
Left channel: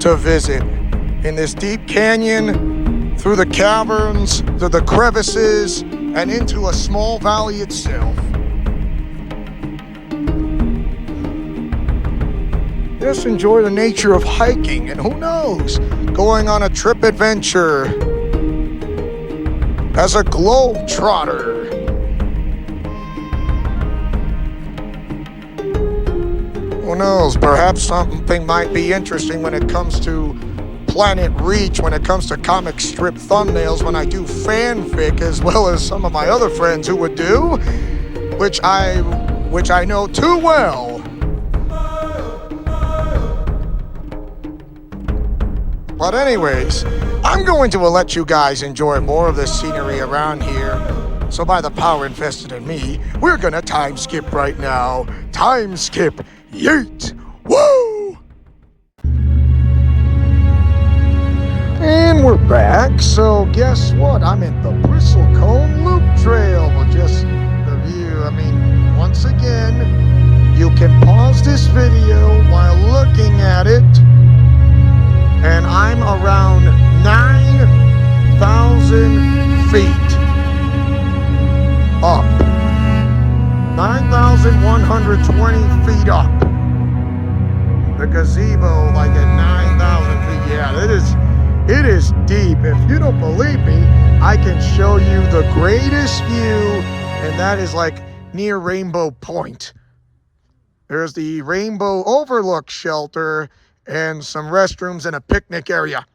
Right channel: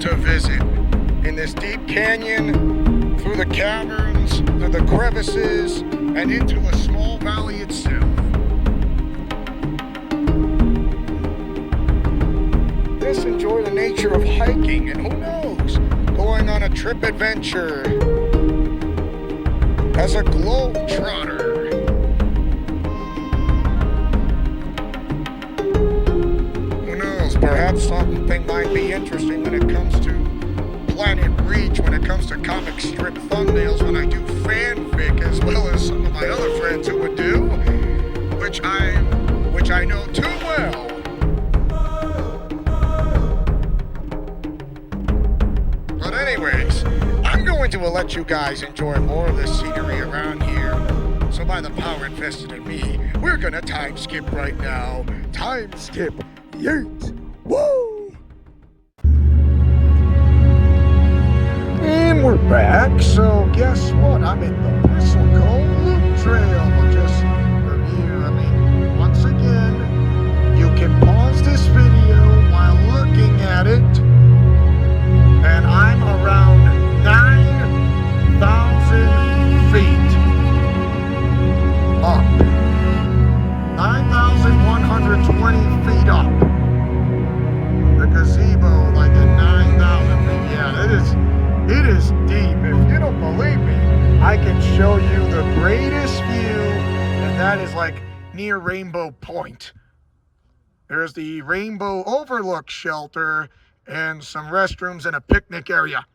to visit. In this deep canyon, through the caverns, through the crevices, and into a small valley itself. Just enjoy the nature of hiking, and who knows, going on a trip adventure as a globetrotter. Who knows, perhaps something might be interesting when it comes to Planet Reach, when it comes to comic strip thumbnails, when I do fanfic, as well as some of my other friends who would do, which I know too well. But anyways, I'm going to let you guys enjoy more of the scenery around here. So by the power invested in me, we're gonna time skip right now. Time skip, yeet, woo! And we're back, so guess what? I'm in the Bristlecone Loop Trail. We'll just review, once again, you can pause this video while looking at it, and I'm around 9,000 feet up. 9,120 feet up. The gazebo, like at 9,000 feet. Yeah, it is deep. If you don't believe me, I can show you the greatest view, and that is like near Rainbow Point. There's the Rainbow Overlook shelter and some restrooms and a picnic area.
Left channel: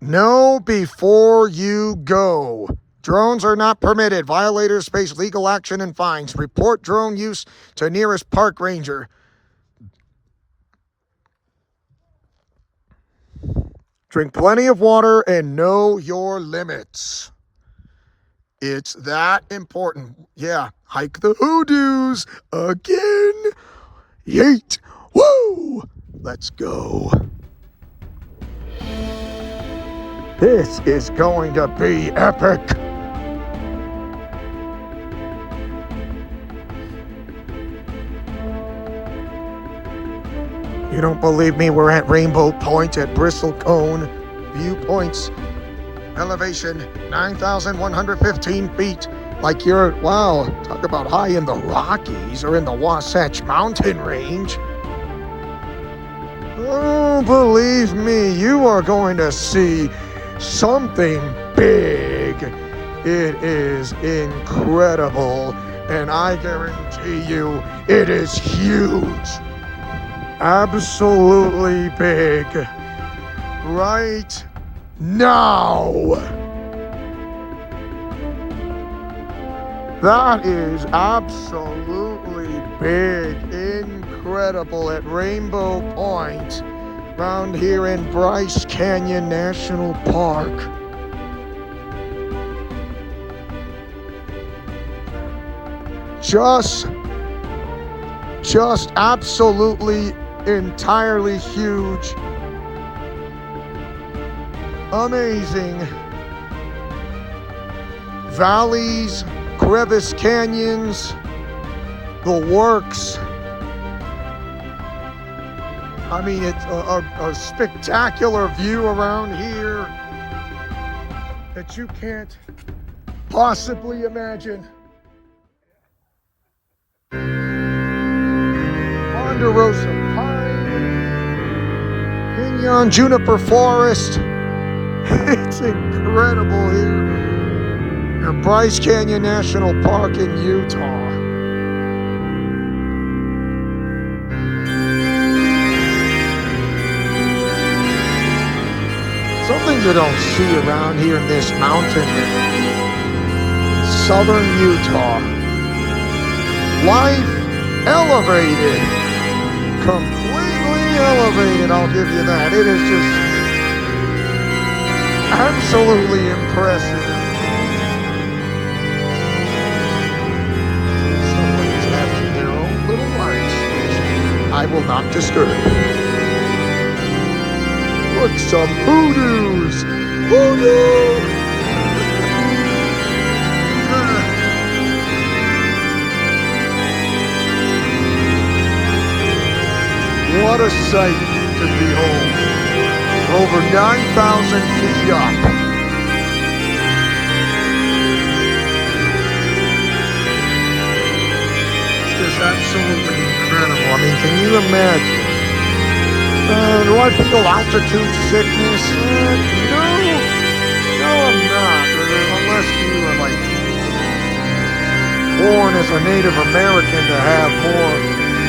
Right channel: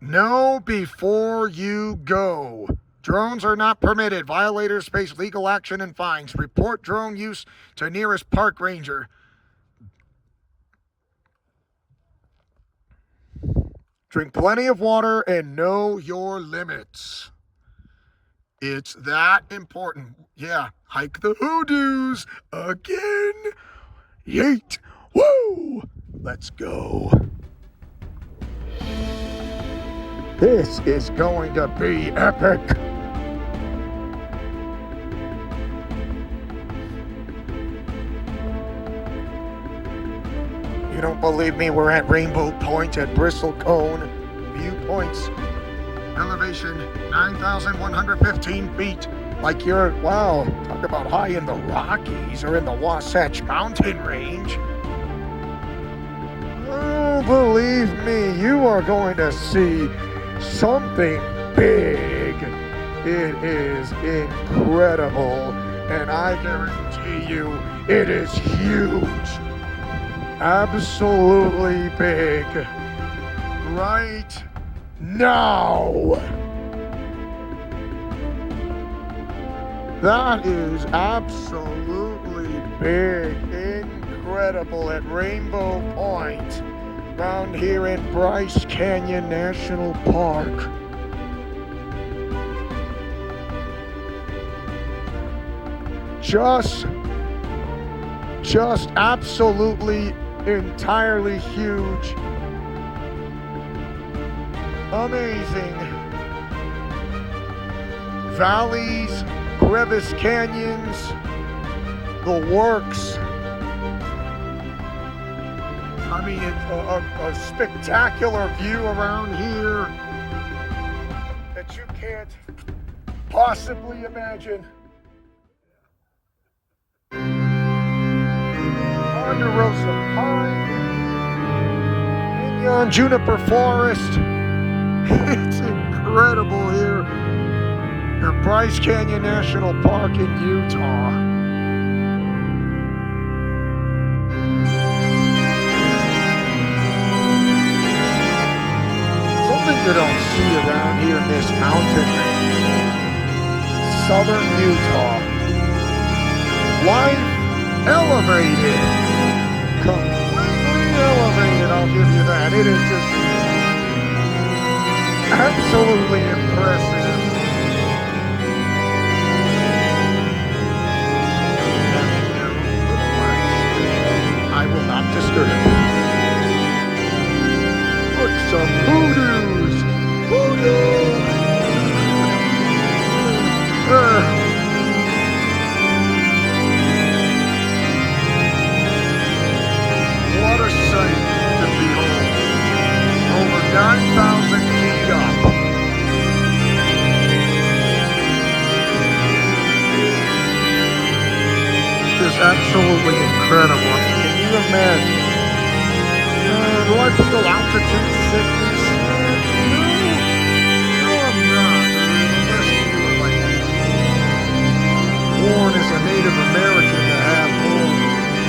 Know before you go. Drones are not permitted. Violators face legal action and fines. Report drone use to nearest park ranger. Drink plenty of water and know your limits. It's that important. Yeah, hike the hoodoos again. Yeet. Woo! Let's go. This is going to be epic. You don't believe me? We're at Rainbow Point at Bristlecone. Viewpoints. Elevation 9,115 feet. Like you're, wow, talk about high in the Rockies or in the Wasatch Mountain Range. Oh, believe me, you are going to see something big. It is incredible, and I guarantee you it is huge. Absolutely big. Right now. That is absolutely big, incredible at Rainbow Point, around here in Bryce Canyon National Park. Just absolutely entirely huge. Amazing. Valleys, crevice canyons, the works. It's a spectacular view around here that you can't possibly imagine. Ponderosa pine, Pinyon juniper forest. It's incredible here at Bryce Canyon National Park in Utah. Something you don't see around here in this mountain, southern Utah. Life elevated, completely elevated, I'll give you that. It is just absolutely impressive. Somebody's having their own little lunch. I will not disturb. Look, some hoodoos! Hoodoo! What a sight to behold. Over 9,000 feet up. It's just absolutely incredible. Can you imagine? Do I feel altitude sickness? No, I'm not. Unless you are born as a Native American to have more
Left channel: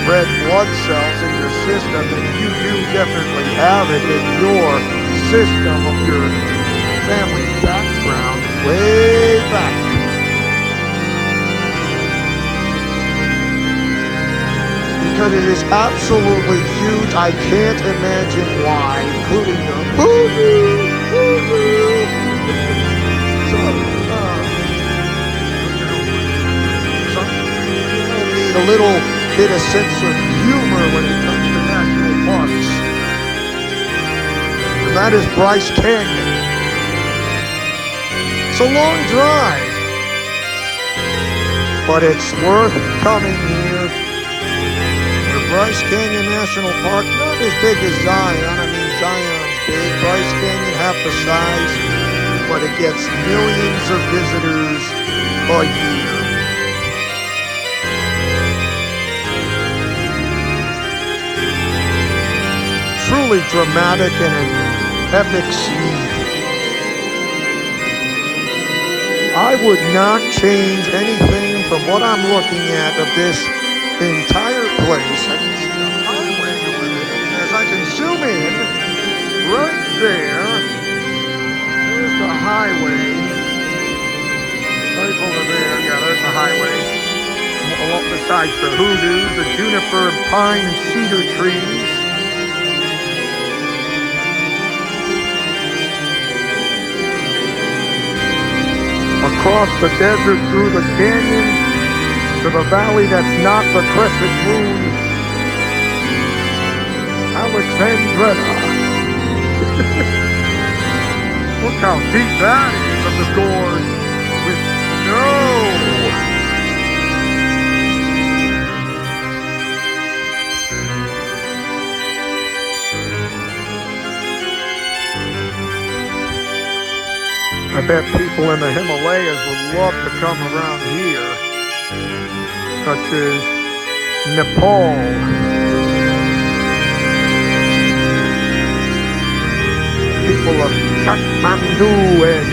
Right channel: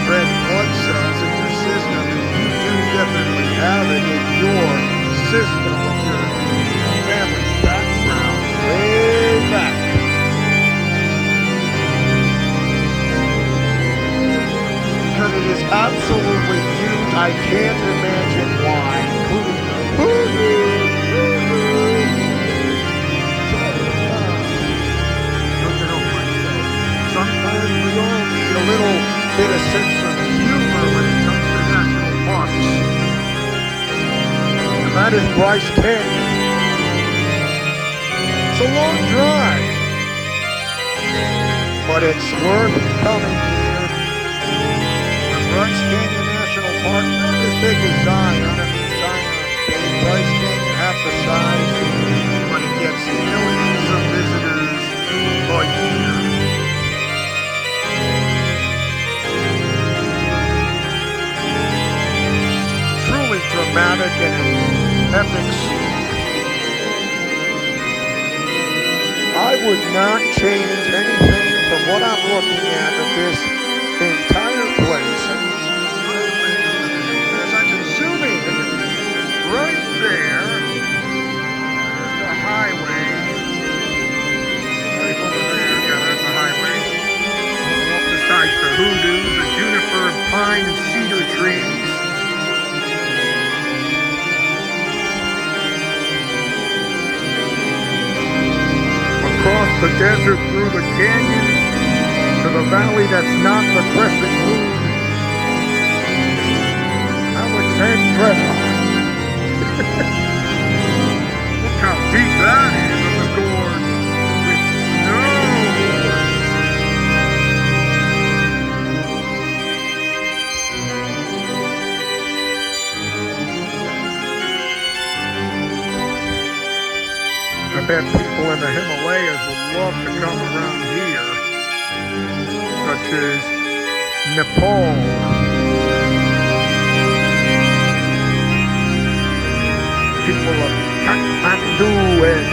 red blood cells in your system, and you do definitely have it in your system of your family background way back. Because it is absolutely huge. I can't imagine why, including the a little bit of sense of humor when it comes to national parks. And that is Bryce Canyon. It's a long drive, but it's worth coming here. The Bryce Canyon National Park, not as big as Zion. I mean, Zion's big. Bryce Canyon, half the size, but it gets millions of visitors a year. Truly dramatic and an epic scene. I would not change anything from what I'm looking at of this entire place. I can see the highway over there. As I can zoom in, right there, there's the highway. Right over there, yeah, there's the highway. Along besides the hoodoos, the juniper and pine and cedar trees. Across the desert, through the canyon, to the valley that's not the crescent moon. Alexandra. Look how deep that is of the gorge with snow. I bet people in the Himalayas would love to come around here, such as Nepal. People of Kathmandu and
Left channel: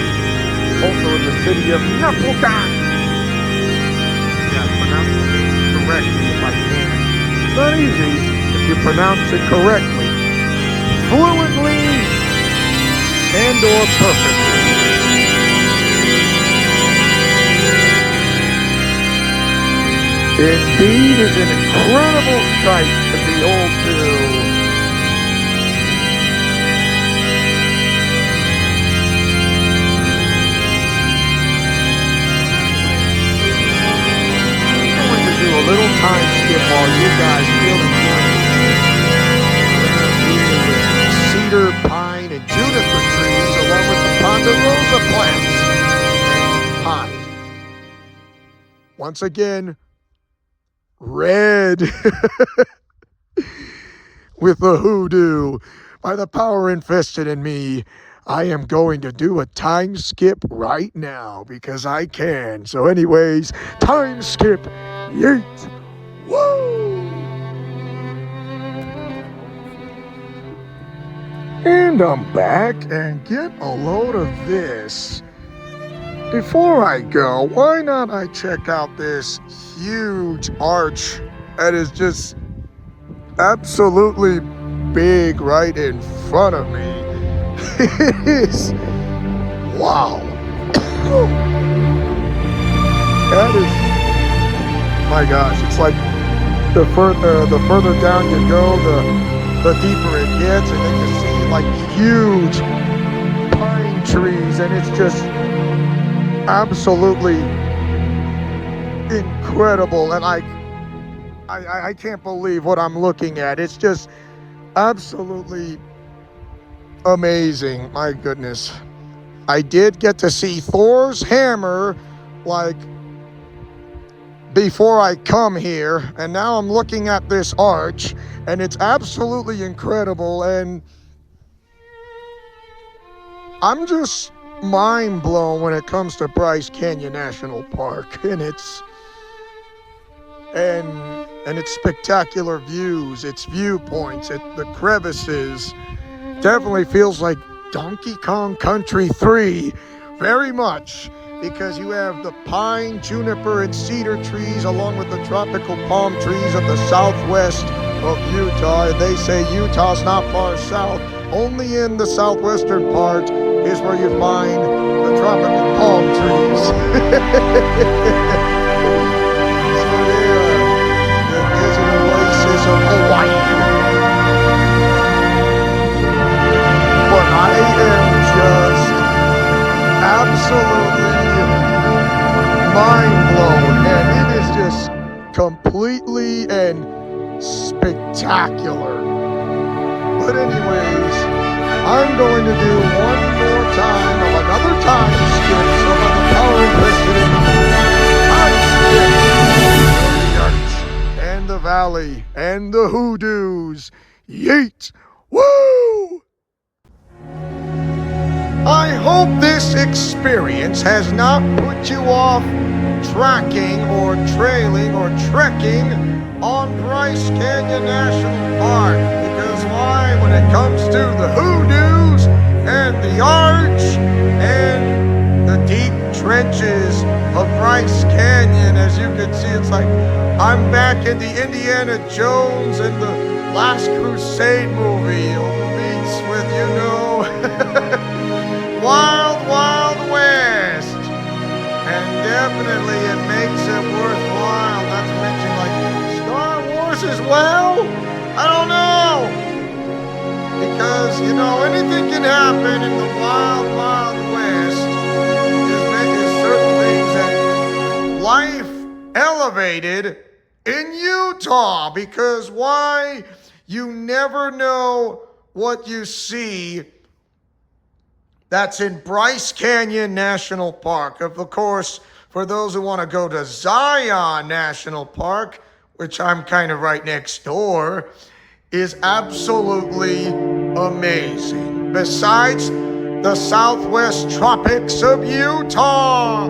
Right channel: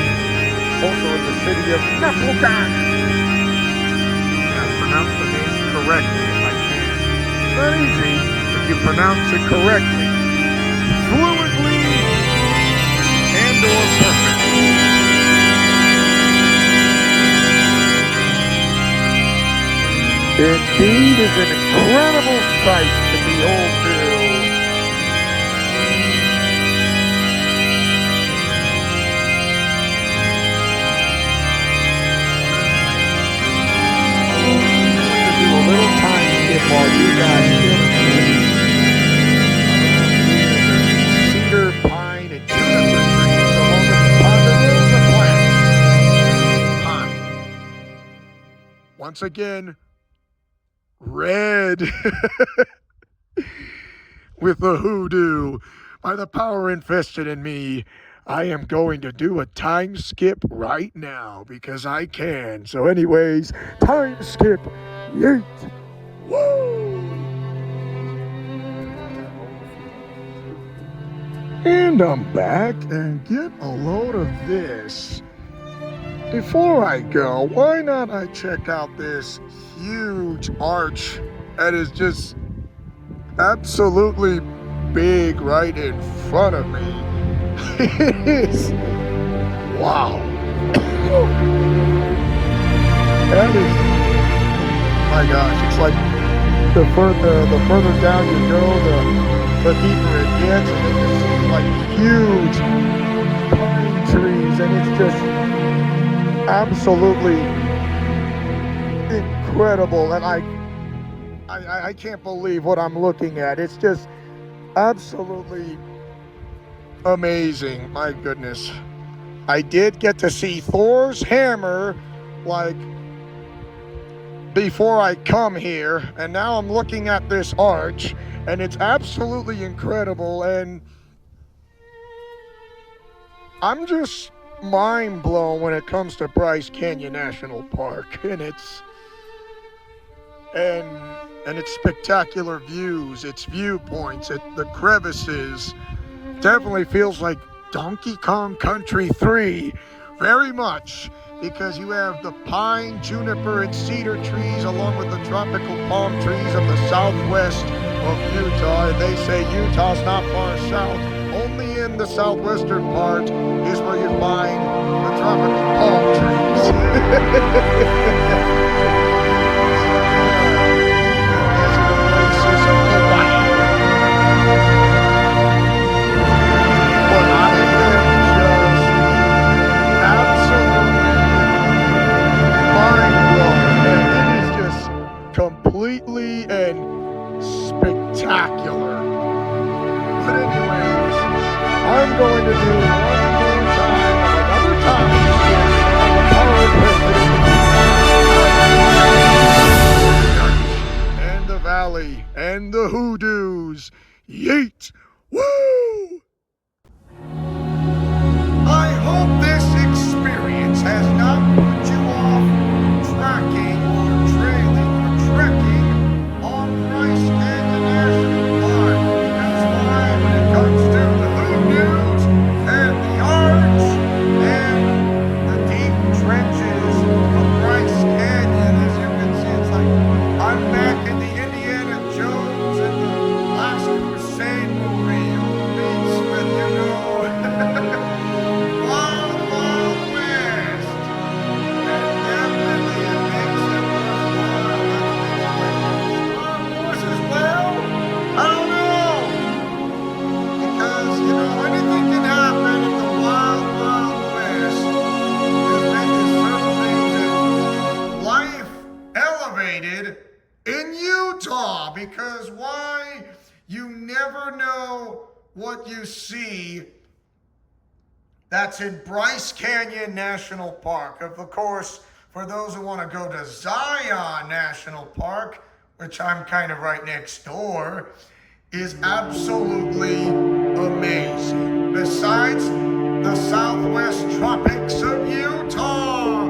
also in the city of Napokan. Yeah, I pronounce the name correctly if I can. It's not easy if you pronounce it correctly, fluently, and or perfectly. Indeed, is an incredible sight to behold too. I'm going to do a little time skip while you guys get the cedar, pine, and juniper trees along with the ponderosa plants and pine. Once again, red with the hoodoo. By the power invested in me, I am going to do a time skip right now because I can. So anyways, time skip, yeet, woo! And I'm back, and get a load of this. Before I go, why not I check out this huge arch that is just absolutely big right in front of me. It is, wow. That is, my gosh, it's like the further down you go, the deeper it gets, and then you see like huge pine trees, and it's just absolutely incredible. And I can't believe what I'm looking at. It's just absolutely amazing. My goodness. I did get to see Thor's hammer like before I come here, and now I'm looking at this arch, and it's absolutely incredible, and I'm just mind blown when it comes to Bryce Canyon National Park, and its spectacular views, its viewpoints, the crevices. Definitely feels like Donkey Kong Country 3, very much, because you have the pine, juniper, and cedar trees along with the tropical palm trees of the southwest of Utah. And they say Utah's not far south. Only in the southwestern part is where you find the tropical palm trees. The desert oasis of Hawaii. But I am just absolutely mind blown, and it is just completely spectacular. But anyways, I'm going to do one more time of another time skip from the and the valley and the hoodoos. Yeet! Woo! I hope this experience has not put you off tracking or trailing or trekking on Bryce Canyon National Park. Because why, when it comes to the hoodoos and the arch and the deep trenches of Bryce Canyon, as you can see, it's like I'm back in the Indiana Jones and the Last Crusade movie meets with, you know, Wild Wild West. And definitely it makes it worthwhile not to mention like Star Wars as well. I don't know. Because, you know, anything can happen in the Wild Wild West. There's certain things that life elevated in Utah. Because why? You never know what you see that's in Bryce Canyon National Park. Of course, for those who want to go to Zion National Park, which I'm kind of right next door, is absolutely amazing. Besides the southwest tropics of Utah,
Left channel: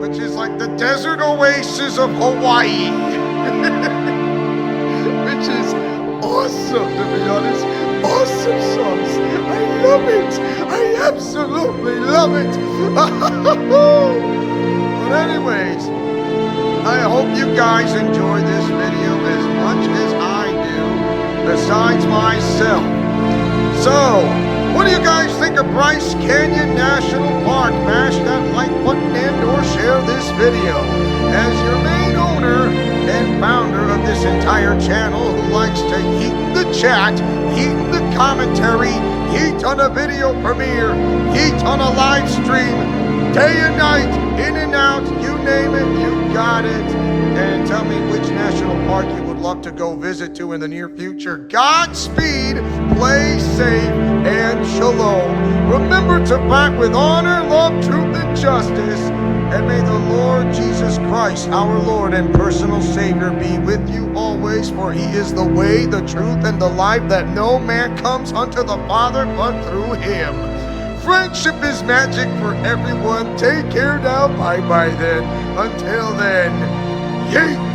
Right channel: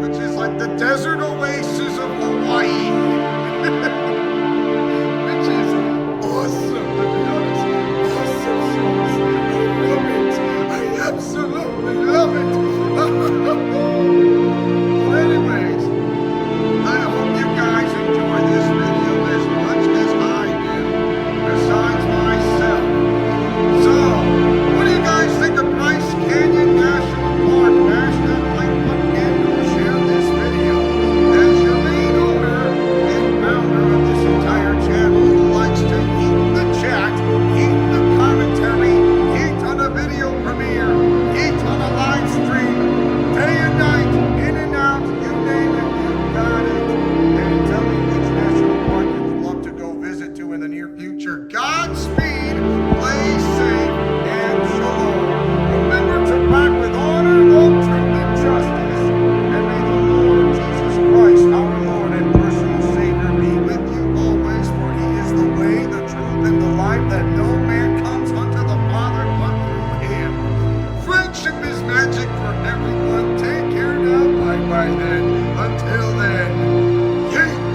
which is like the desert oasis of Hawaii, which is awesome, to be honest. Awesome sauce. I love it. I absolutely love it. But anyways, I hope you guys enjoy this video as much as I do, besides myself. So, what do you guys think of Bryce Canyon National Park? Mash that like button and or share this video. As your main owner and founder of this entire channel who likes to heat the chat, heat the commentary, heat on a video premiere, heat on a live stream, day and night, in and out, you name it, you got it. And tell me which national park you would love to go visit to in the near future. Godspeed, play safe, and shalom. Remember to back with honor, love, truth, and justice. And may the Lord Jesus Christ, our Lord and personal Savior, be with you always, for he is the way, the truth, and the life, that no man comes unto the Father but through him. Friendship is magic for everyone. Take care now. Bye-bye then. Until then, yeet!